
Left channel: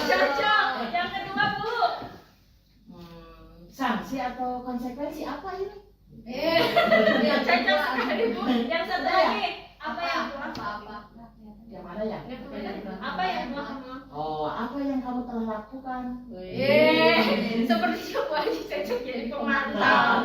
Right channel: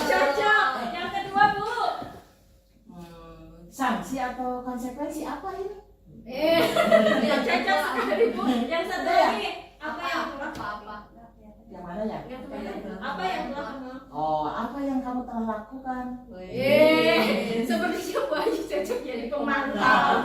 Cocok. Yang kedua Bu. Sanksi atau konsekuensi apa ini? Ya cocok sekali Bu. Yang satu lagi apa yang apa? Yang mana ya? apa yang kamu? Oh, apa yang kamu telah lakukan? Sepertinya Bu Haji cocok jadi pemantau.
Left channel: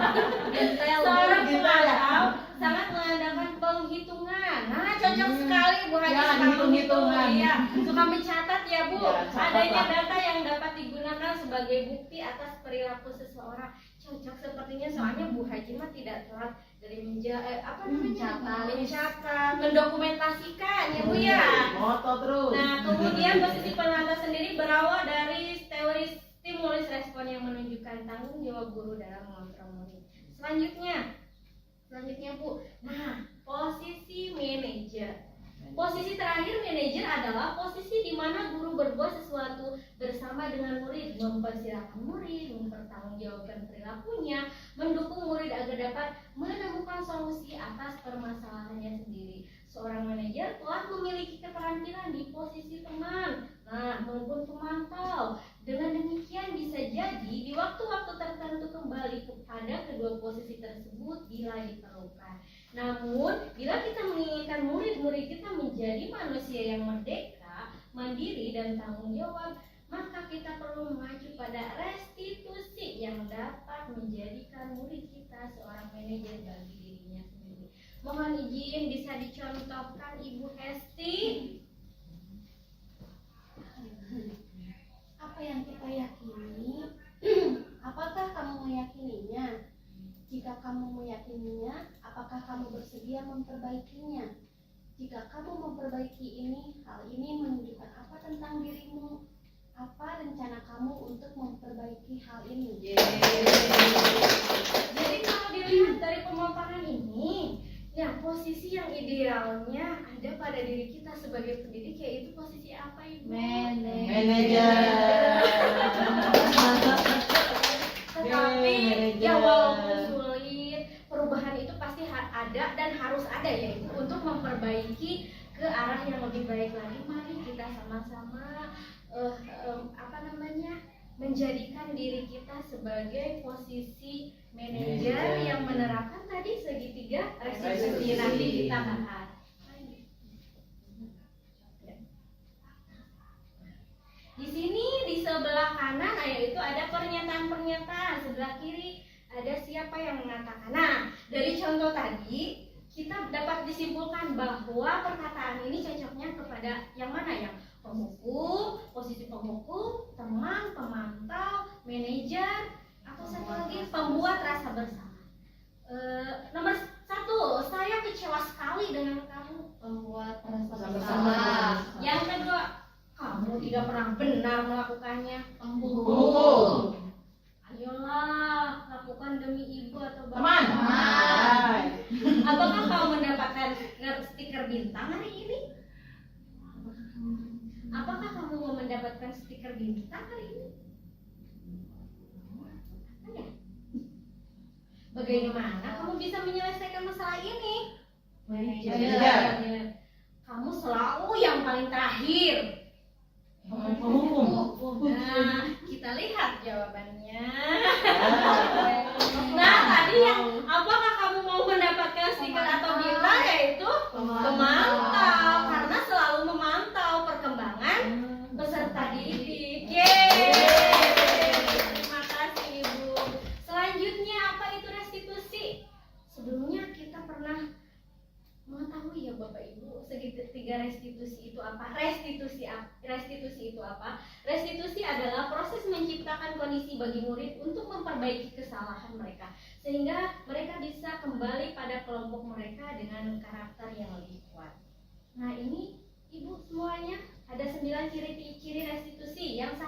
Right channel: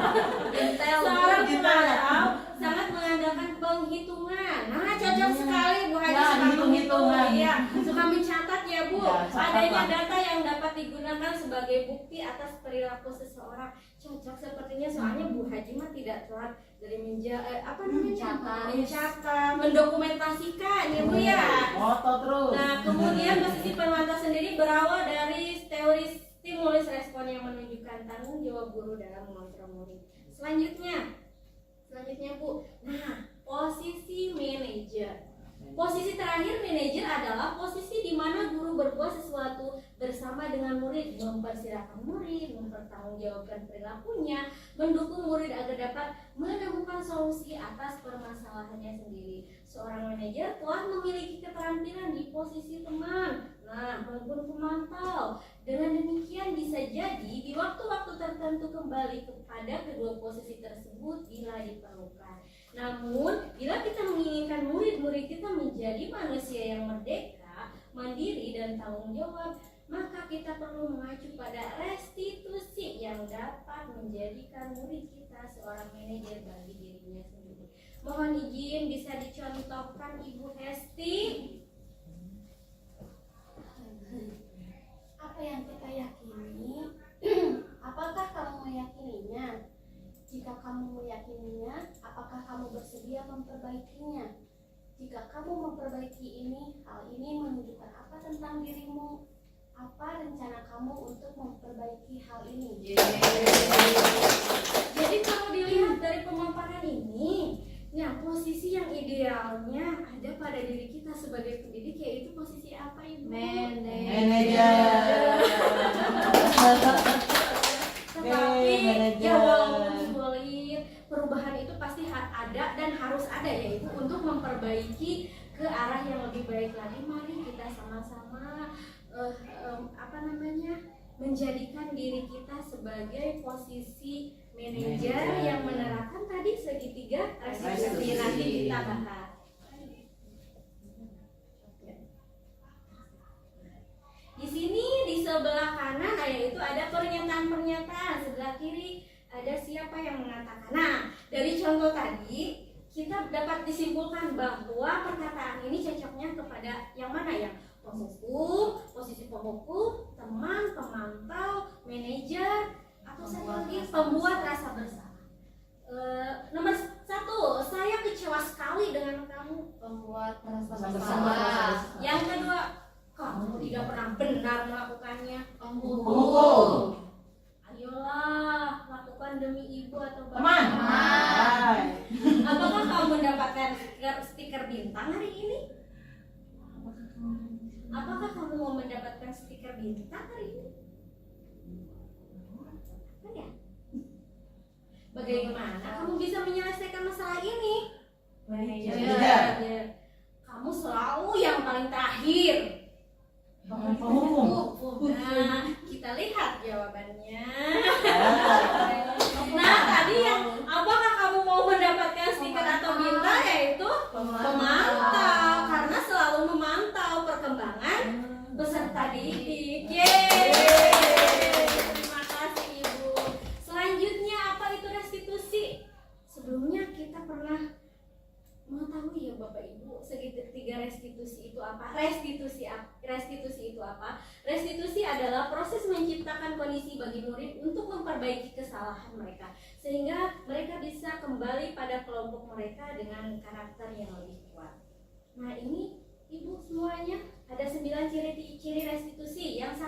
Seorang pemantau sangat mengandalkan penghitungan. Nah, cocok sekali Bu Haji Ya, suka hitung-hitungan. Iya, suka mencatat ya Bu. Ya, catat Adanya lah. data yang dapat digunakan sebagai bukti atas perilaku seseorang. Cocok sepertinya, soalnya Bu Haji mah tidak telat dari mencatat, mendokumentasikan ya Bu ya. Moto terus. Nah, kemudian posisi penata sendiri berawal dari teori stimulus respon yang menunjukkan tanggung jawab guru dalam mengontrol murid. Selanjutnya Bu. Nah, posisi manajer. Posisi terakhir manajer adalah posisi di mana guru berbuat sesuatu bersama dengan murid, mempersilahkan murid, mempertanggungjawabkan perilakunya, mendukung murid agar dapat menemukan solusi atas permasalahannya sendiri. Seorang manajer telah memiliki keterampilan di posisi teman, maupun pemantau. Dengan demikian bisa jadi di waktu-waktu tertentu kembali kepada kedua posisi tersebut bila diperlukan. Namun, bila kita menginginkan murid-murid kita menjadi manusia yang merdeka, mandiri dan tanggung jawab, maka kita perlu mengacu pada restitusi yang dapat menjadikan murid kita seorang manajer bagi dirinya sendiri. Mohon izin bisa dicontohkan Ibu Hesti. Apa yang kita yakini, apakah kamu meyakininya? Jika kamu meyakininya, apakah kamu bersedia memperbaikinya? Jika kamu memperbaiki ini, hal ini menunjukkan apa tentang dirimu? Apa rencana kamu untuk memperbaiki hal ini? Jadi kalau dilihat dari pemaparan ini, ya posisi yang idealnya ada pada diri kita sebagai pendidik, yaitu posisi apa, Ibu? Manajer. Tetapi manajer. ya walaupun sulit, perubahan itu pasti ada dan harus ada, yaitu untuk memperbaiki ke arah yang lebih baik lagi. Mari kita sama-sama menjadikan diri kita sebagai posisi manajer yang menerapkan tadi segitiga restitusi. Nanti kita bahas. Di sini di sebelah kanan yaitu ada pernyataan-pernyataan, sebelah kiri ada siapa yang mengatakan. Nah, dari contoh tadi kita dapat disimpulkan bahwa perkataan ini cocoknya kepada yang mana, yang penghukum, posisi penghukum, teman, pemantau, manajer, atau satu lagi pembuat rasa bersalah. Nomor 1, saya kecewa sekali dengan kamu, pembuat rasa bersalah. Yang kedua, kamu tidak pernah benar melakukannya, penghukum. Ayolah, lakukan demi ibu atau bapak. Teman. Apakah kamu mendapatkan stiker bintang hari ini? Apakah kamu mau mendapatkan stiker bintang hari ini? Ada? Bagaimana kamu bisa menyelesaikan masalah ini? Manajer. Kamu selalu yang paling terakhir. Penghukum. Nah, kita lihat jawabannya. Nah, tadi yang apakah kamu mau mendapatkan stiker atau bintang, yaitu pemantau, karena selalu memantau perkembangan peserta didik. Terima kasih Ibu. Selanjutnya apa itu restitusi? Sebelumnya kita pernah mengetahui ya Bapak Ibu segitiga restitusi itu apa? Restitusi itu apa? Restitusi adalah proses menciptakan kondisi bagi murid untuk memperbaiki kesalahan mereka sehingga mereka bisa kembali pada kelompok mereka dengan karakter yang lebih kuat. Nah, ini Ibu semuanya ada 9 ciri restitusi. Yang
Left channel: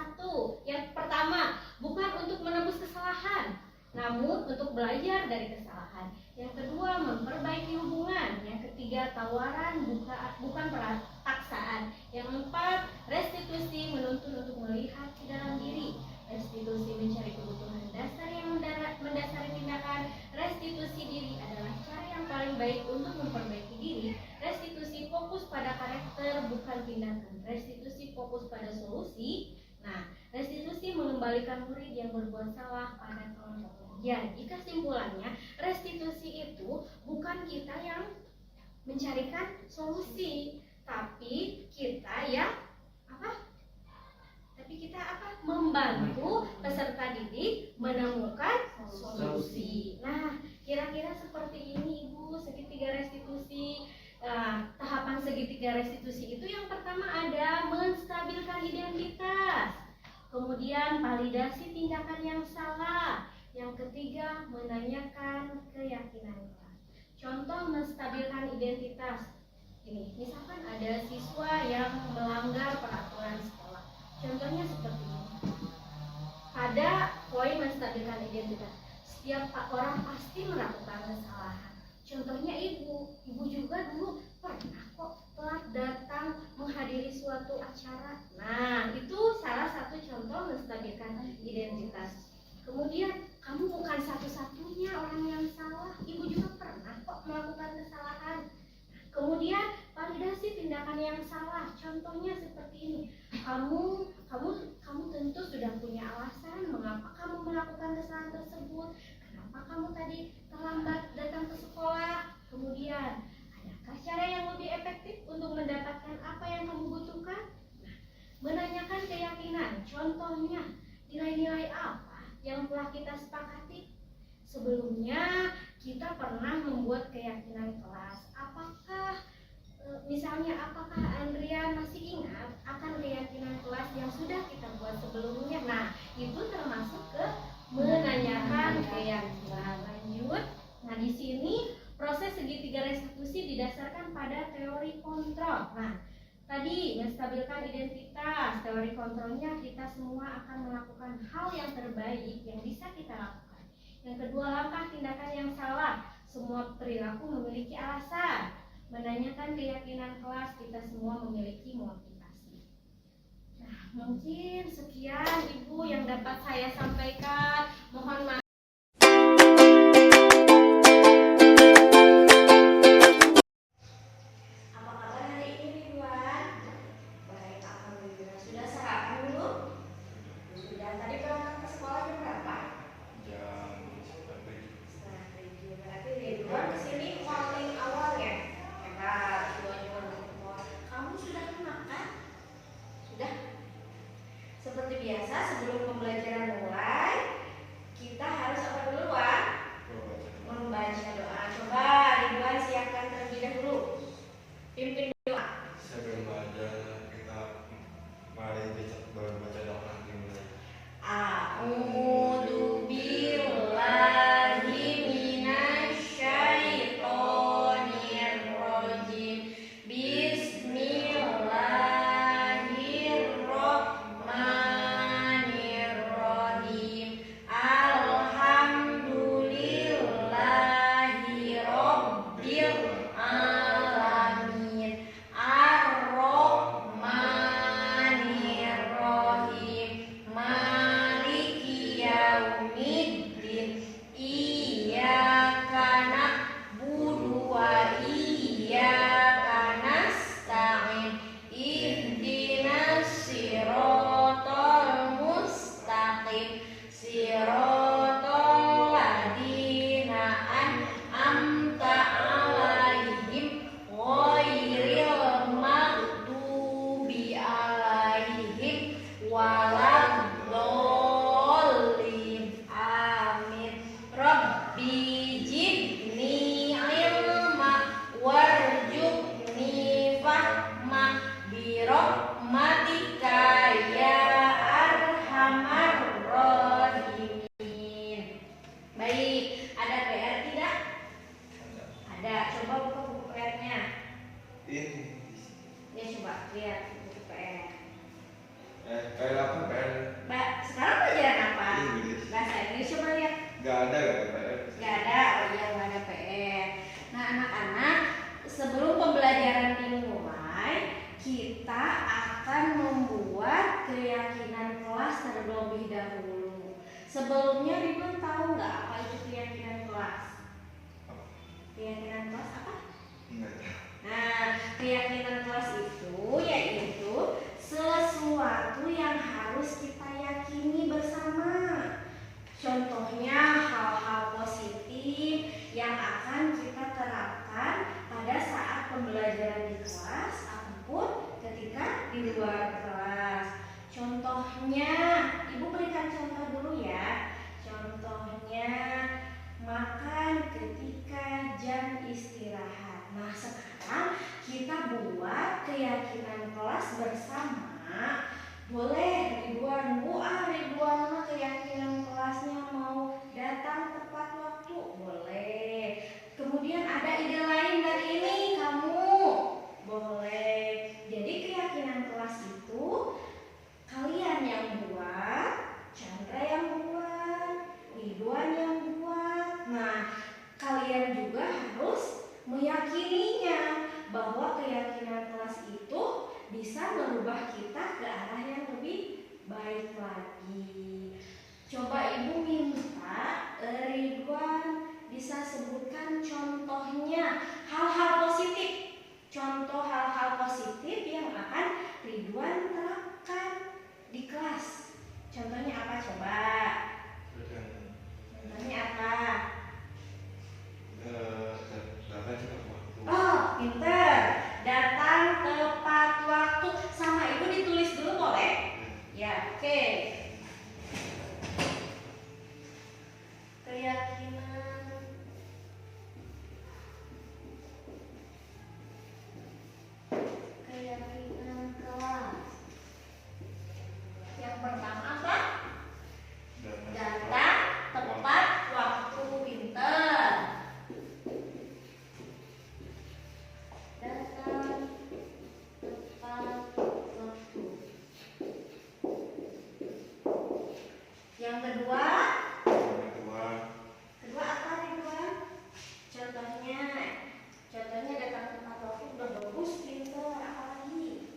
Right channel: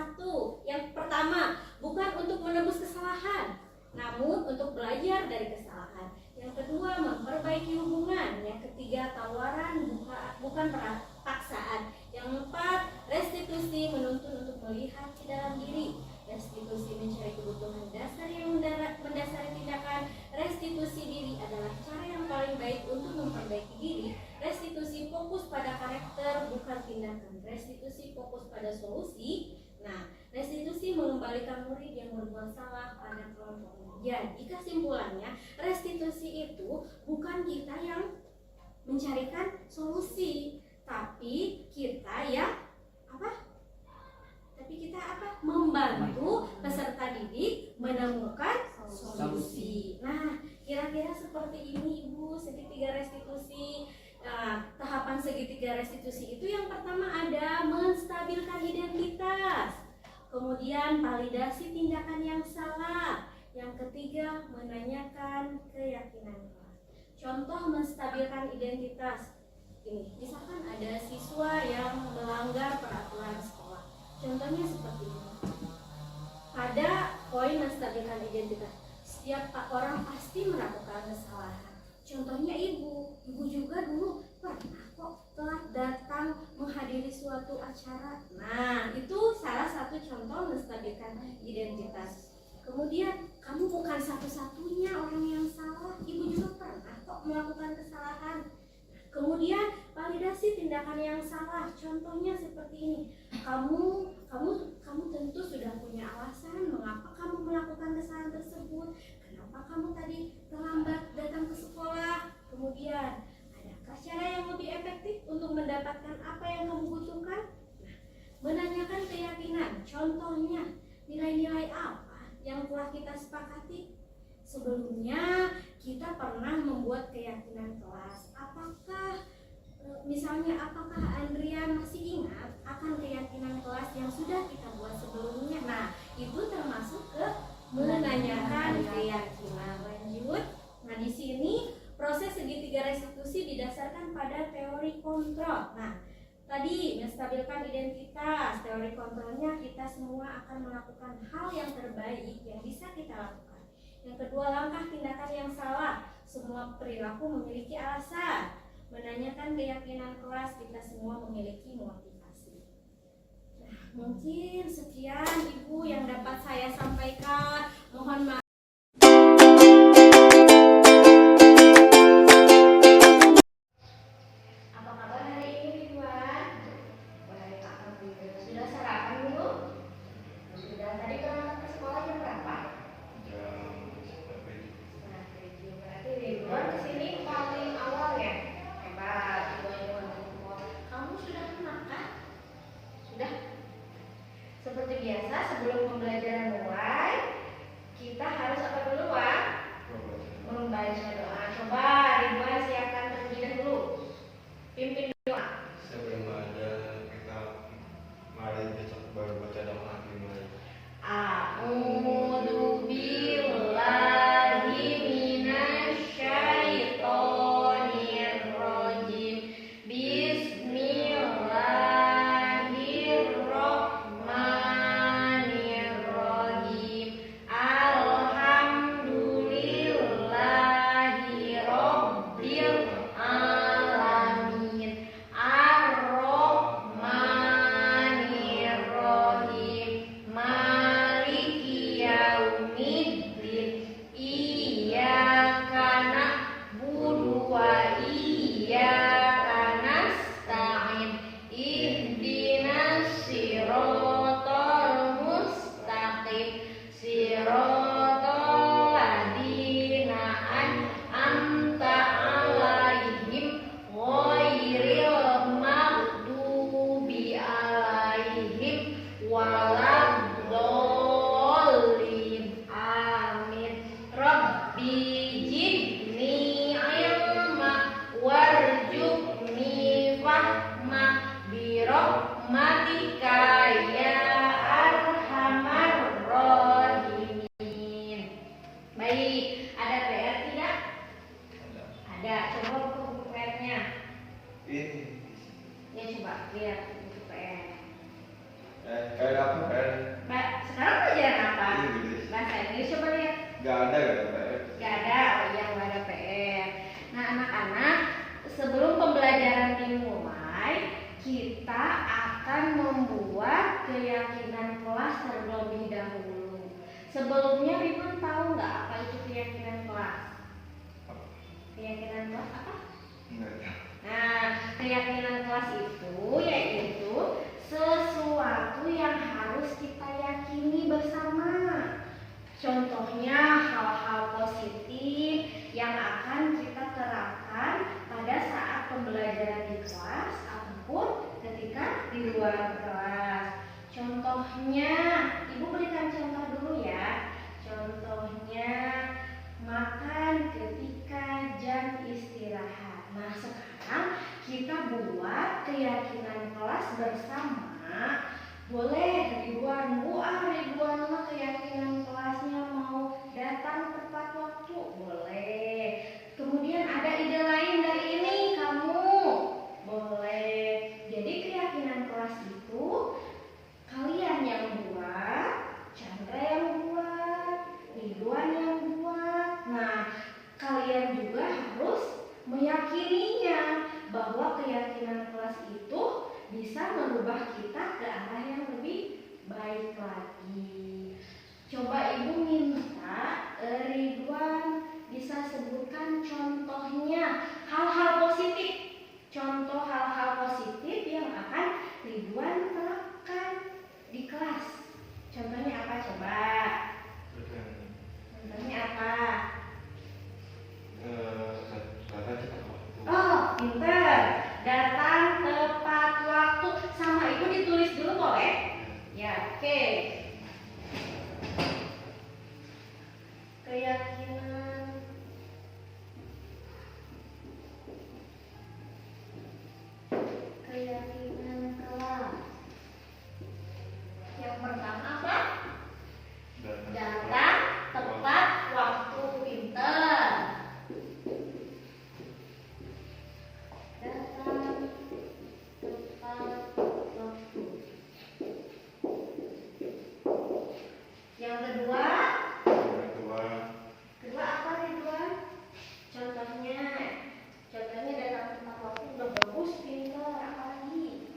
pertama, bukan untuk menebus kesalahan, namun untuk belajar dari kesalahan. Yang kedua, memperbaiki hubungan. Yang ketiga, tawaran bukan paksaan. Yang keempat, restitusi menuntun untuk melihat ke dalam diri. Restitusi mencari kebutuhan dasar yang mendasari tindakan. Restitusi diri adalah cara yang paling baik untuk memperbaiki diri. Restitusi fokus pada karakter bukan tindakan. Restitusi fokus pada solusi. Nah, restitusi mengembalikan murid yang berbuat salah pada kelompoknya. Jadi kesimpulannya, restitusi itu bukan kita yang mencarikan solusi, tapi kita yang membantu peserta didik menemukan solusi. Nah, kira-kira seperti ini Ibu, segitiga restitusi. Tahapan segitiga restitusi itu yang pertama ada menstabilkan identitas, kemudian validasi tindakan yang salah, yang ketiga menanyakan keyakinan kelas. Contoh menstabilkan identitas ini, misalkan ada siswa yang melanggar peraturan sekolah, contohnya seperti ini. Pada poin menstabilkan identitas, setiap orang pasti melakukan kesalahan. Contohnya ibu juga dulu pernah kok telat datang menghadiri suatu acara. Nah, itu salah satu contoh menstabilkan identitas. Kemudian, kamu bukan satu-satunya orang yang salah. Ibu juga pernah kok melakukan kesalahan. Kemudian, validasi tindakan yang salah. Contohnya seperti ini. Kamu tentu sudah punya alasan mengapa kamu melakukan kesalahan tersebut. Kenapa kamu tadi terlambat datang ke sekolah? Kemudian, adakah cara yang lebih efektif untuk mendapatkan contohnya nilai-nilai apa yang telah kita sepakati? Sebelumnya kita pernah membuat keyakinan kelas. Apakah Andrian masih ingat akan keyakinan kelas yang sudah kita buat sebelumnya? Nah, itu termasuk ke menanyakan keyakinan. Lanjut. Nah, di sini proses segitiga restitusi didasarkan pada teori kontrol. Nah, tadi menstabilkan identitas, teori kontrolnya kita semua akan melakukan hal yang terbaik yang bisa kita lakukan. Yang kedua, langkah tindakan yang salah. Semua perilaku memiliki alasan. Menanyakan keyakinan kelas, kita semua memiliki motivasi. Nah, mungkin sekian Ibu yang dapat saya sampaikan. Mohon maaf. Apa kabar hari ini, Ridwan? Baik, alhamdulillah. Sudah sarapan dulu? Sudah. Tadi berangkat ke sekolah jam berapa? Jam 7. Berarti Ridwan kesini paling awal ya? Hebat, Ridwan yang kamu sudah makan? Sudah? Seperti biasa, sebelum pembelajaran mulai, kita harus apa dulu, Wak? Membaca doa. Coba Ridwan siapkan terlebih dahulu. Pimpin doa. sebelum ada kita mari kita baru baca doa dimulai. A'udzu billahi minasyaitonir rajim. Bismillahirrahmanirrahim. Alhamdulillahi rabbil alamin. Ar-Rahmanirrahim. Maliki yaumiddin. Iyyaka na'budu wa iyyaka nasta'in. Ihdinas siratal mustaqim. Siratal ladzina an'amta 'alaihim ghairil maghdubi 'alaihim waladdallin. Amin. Rabbi zidni ilma warzuqni fahma birahmatika ya arhamar rahimin. Baik, ada PR tidak? Ada. Coba buka buku PR-nya. Ini Ya coba lihat buku PR. kayak apa kan? Sekarang pelajaran apa? Inggris. Bahasa Inggris, coba lihat. Gak ada kan Pak? Gak ada, oh iya gak ada PR. Nah anak-anak, sebelum pembelajaran dimulai, kita akan membuat keyakinan kelas terlebih dahulu. Sebelumnya Ridwan tahu nggak apa itu keyakinan kelas? Keyakinan kelas apa? Enggak tahu. Nah, keyakinan kelas itu yaitu sesuatu yang harus kita yakini bersama. Contohnya hal-hal positif yang akan kita terapkan pada saat pembelajaran di kelas ataupun ketika di luar kelas. Contohnya, Ibu berikan contoh dulu ya. Contohnya makan ketika jam istirahat. Nah, sekarang kita buat keyakinan kelas bersama. Boleh Ridwan, Ridwan mah keyakinan kelasnya mau datang tepat waktu, boleh. Kemudian ada ide lain dari ini, kamu boleh. Jadi keyakinan kelas itu kalian yang buat, Chandra yang buat, Ridwan yang buat. Nah, kalian juga harus meyakininya bahwa keyakinan kelas itu bisa merubah kita ke arah yang lebih baik lagi. Coba Ibu minta Ridwan bisa sebutkan contohnya hal-hal positif. Contoh hal-hal positif yang akan Ridwan terapkan di kelas. Contohnya apa coba? Contohnya apa? Datang cepat waktu. Oh, pinter. Datang tepat waktu. Sama Ibu ditulis dulu boleh? Ya, oke. Keyakinan. Keyakinan kelas. Yang pertama apa? Datang tepat waktu, pinter. Datang tepat waktu. Yang kedua, kedua apa Ridwan? Contohnya datang tepat waktu udah bagus, pinter. Apa lagi?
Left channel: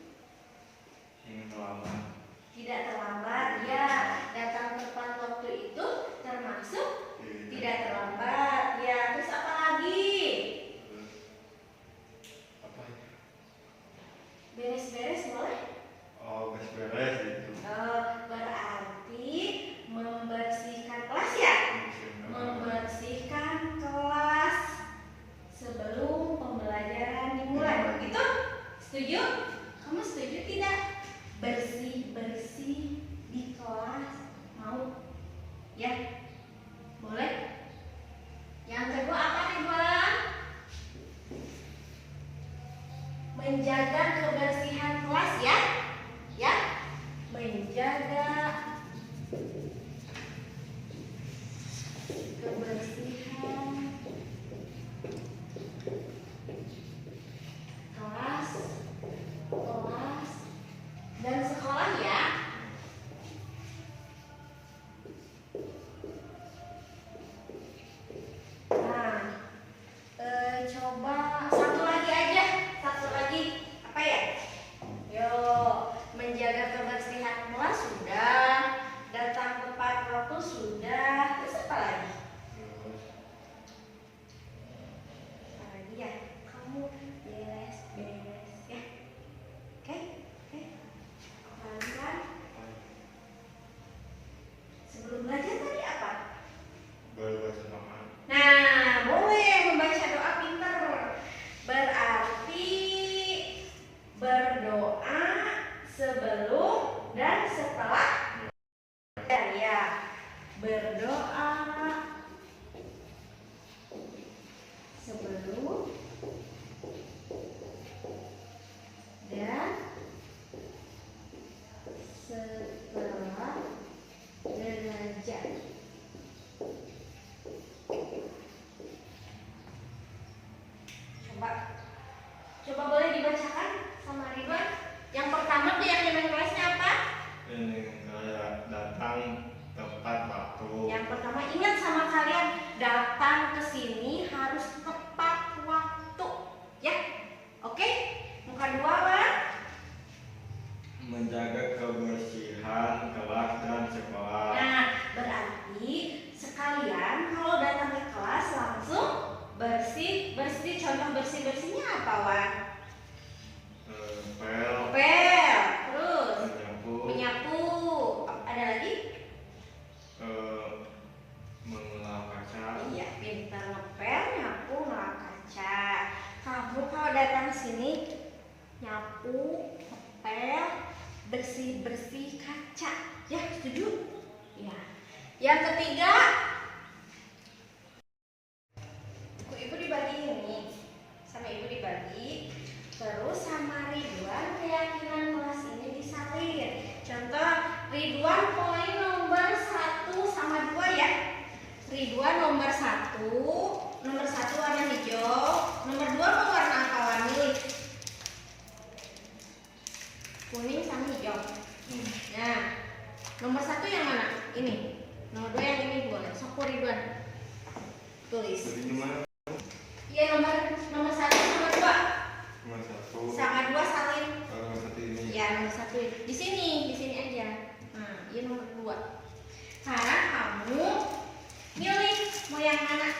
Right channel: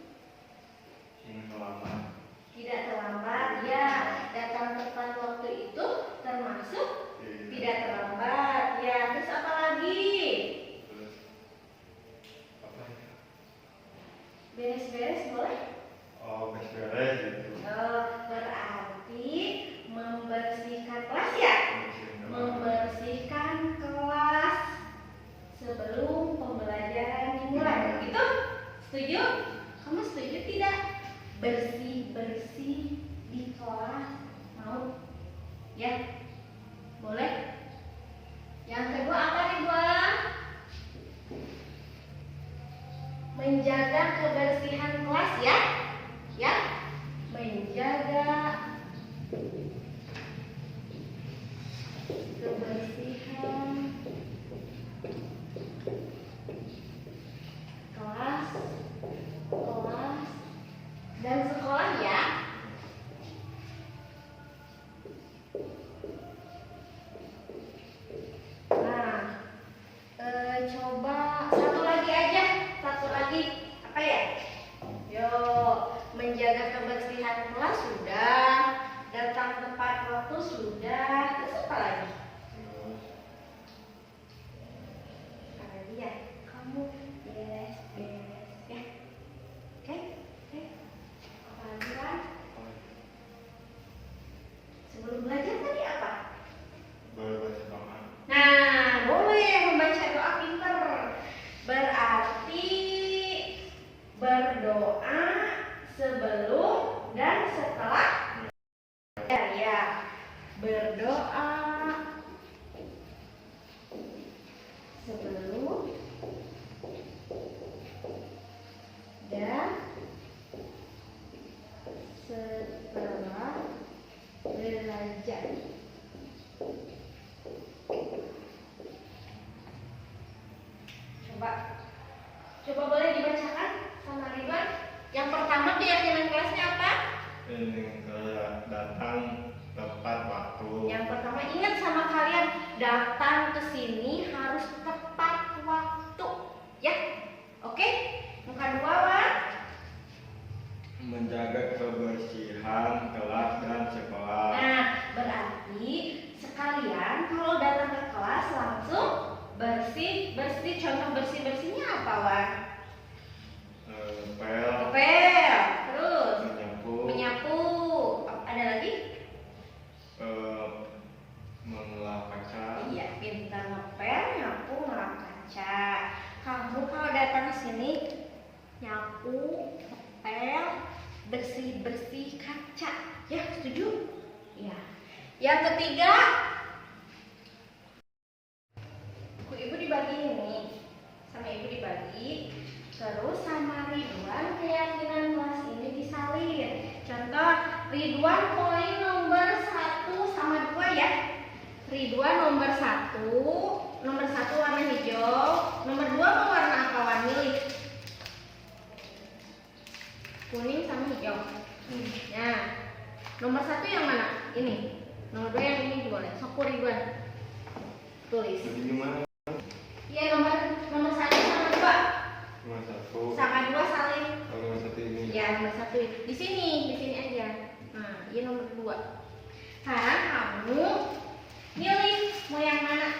Tidak terlambat, ya. Datang tepat waktu itu termasuk tidak terlambat, ya. Terus apa lagi? Beres-beres boleh? beres gitu. Berarti membersihkan kelas ya? Membersihkan kelas sebelum pembelajaran dimulai. Begitu? Setuju? Kamu setuju tidak? Bersih-bersih di kelas. Mau? Ya? Boleh? Yang kedua apa nih, Bang? Menjaga kebersihan kelas ya? Ya? Menjaga kebersihan kelas dan sekolah ya. Nah, coba satu lagi aja, apa ya? Yo, menjaga kebersihan kelas sudah, datang tepat waktu sudah, terus apa lagi? Apa lagi ya? Kamu beres-beres ya. Oke? Apa lagi kan? Sebelum belajar tadi apa? Nah, boleh membaca doa pinter. Berarti berdoa sebelum dan setelah belajar ya. Berdoa sebelum dan setelah belajar. Coba boleh dibacakan sama Ridwan. Yang pertama keyakinan kelasnya apa? Kayak datang tepat waktu. Yang pertama ingat sama kalian, datang ke sini harus tepat waktu, ya. Oke? Yang kedua apa? Menjaga kebersihan kelas dan sekolah. Nah, berarti sekalian kalau datang ke kelas langsung bersih. Contoh bersihnya apa, Wan? Ngepel. Terus menyapu. Ada lagi? Mengelap kaca. Iya, pintar ngepel, nyapu, ngelap kaca. Kamu kalau datang sini nyapu, ngepel, bersih kaca. Ya, setuju? Ya. Yang ketiga, ibu dibagi ini. Sama ibu dibagi. Terus sama Ridwan keyakinan kelas ini disalin. Contoh, Ridwan poin nomor 1 sama 2 ya. Ridwan nomor 1 warna hijau, nomor 2 mau warna apa? Warna milih. Kuning sama hijau. Nah, nomor 1 yang mana? Ini. Nomor 2 yang ini boleh. Sok Ridwan. Tulis. Iya, nomor 1 sama 2. Nomor 1. Sama 2 salin. Nomor 1 ini. Ya, nomor 1 di sini aja. Nah, ini nomor 2. Sekarang kamu milih mau yang mana?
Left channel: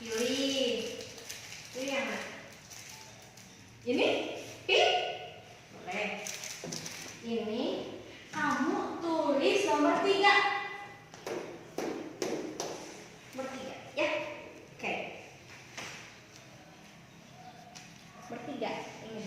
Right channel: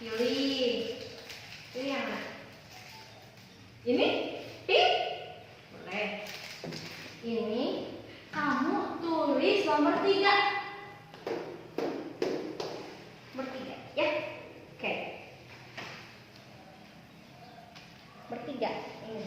Pilih yang mana? Ini pink? Boleh. Ini kamu tulis nomor 3. Nomor 3 ya. Oke. Nomor 3 ini.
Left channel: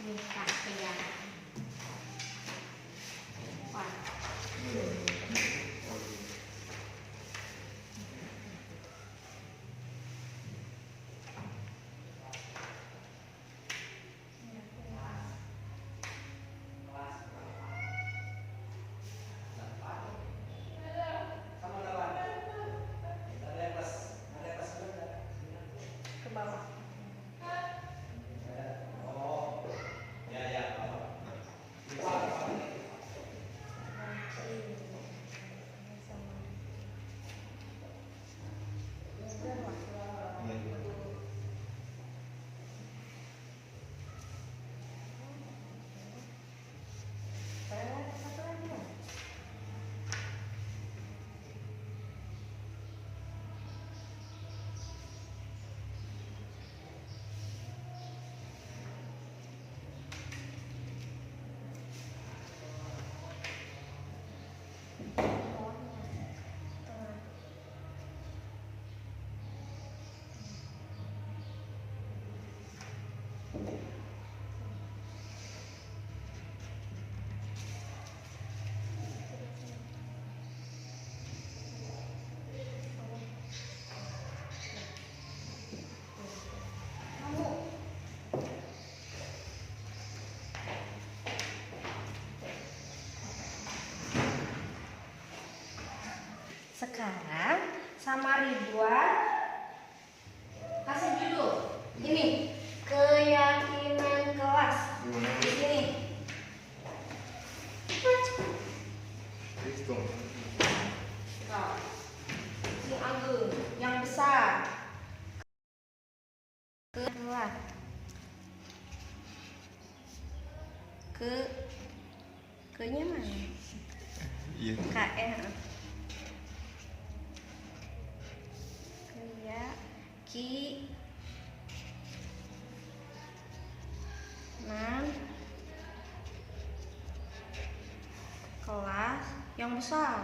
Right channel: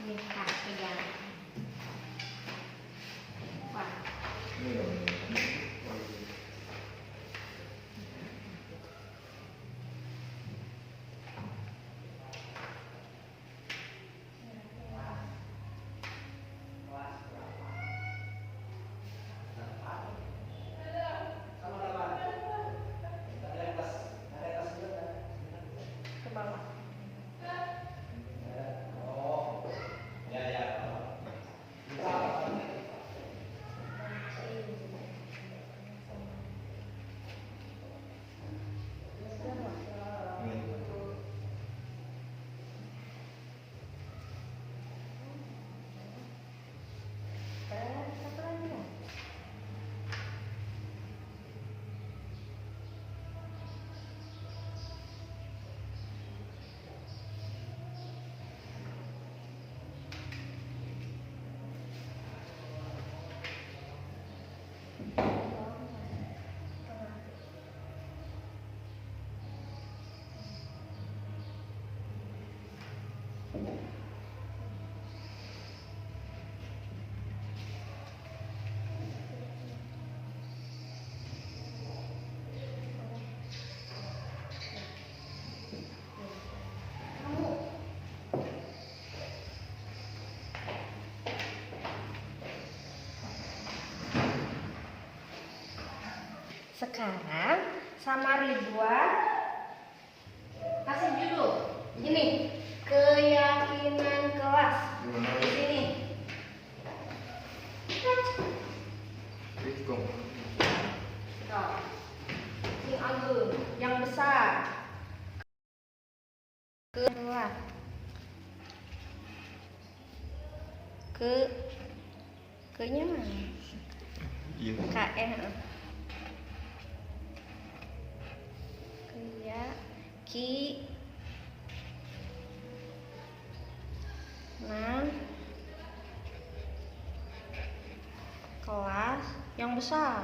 Nih kak pegang. Wah. Ke bawah. Satu lagi ya. Sekarang sama Ridwan kasih judul ini, keyakinan kelas. Di sini. Nah, si Agung yang besar. Keluar. Ke-nya mana? Iya. KN. Kelas yang besar.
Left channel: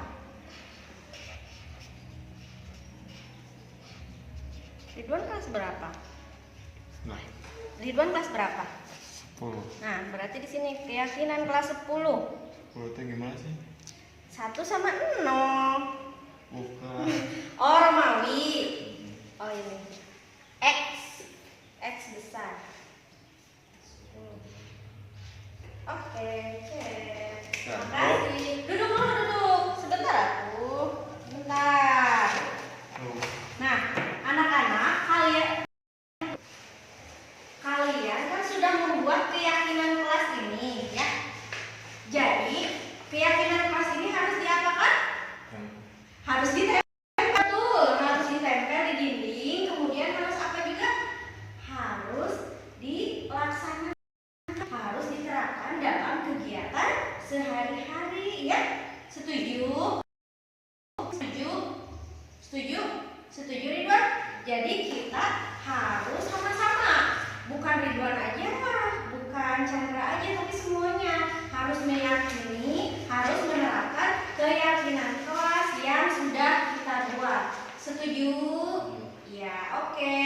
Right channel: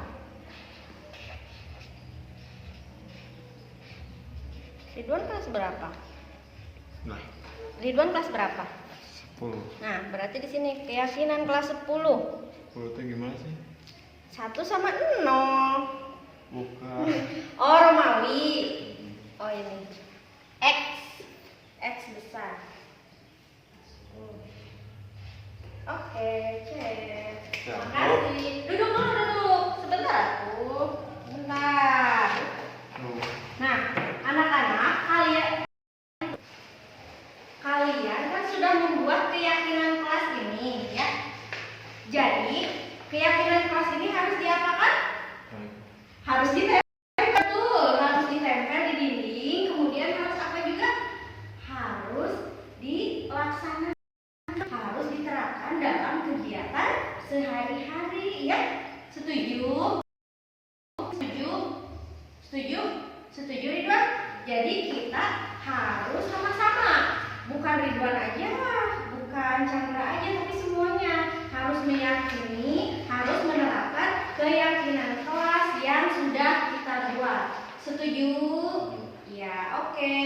Ridwan kelas berapa? Nah, Ridwan kelas berapa? 10. Nah, berarti di sini keyakinan kelas 10. 10 itu gimana sih? 1 sama 0. Bukan. Oh, Romawi. Oh, ini. X. X besar. Oke, cek. Ya, Makasih. Duduk dulu, duduk. Sebentar aku. Bentar. Tuh. Nah, anak-anak, kalian kan sudah membuat keyakinan kelas ini, ya. Jadi, keyakinan kelas ini harus diapakan? Harus ditempel, betul. Harus ditempel di dinding. Kemudian harus apa juga? Harus dilaksanakan. Harus diterapkan dalam kegiatan sehari-hari, ya. Setuju? Setuju? Setuju? Setuju, Ridwan? Jadi kita harus sama-sama, bukan Ridwan aja, bukan Chandra aja, tapi semuanya harus meyakini, harus menerapkan keyakinan kelas yang sudah kita buat. Setuju? Ya, oke.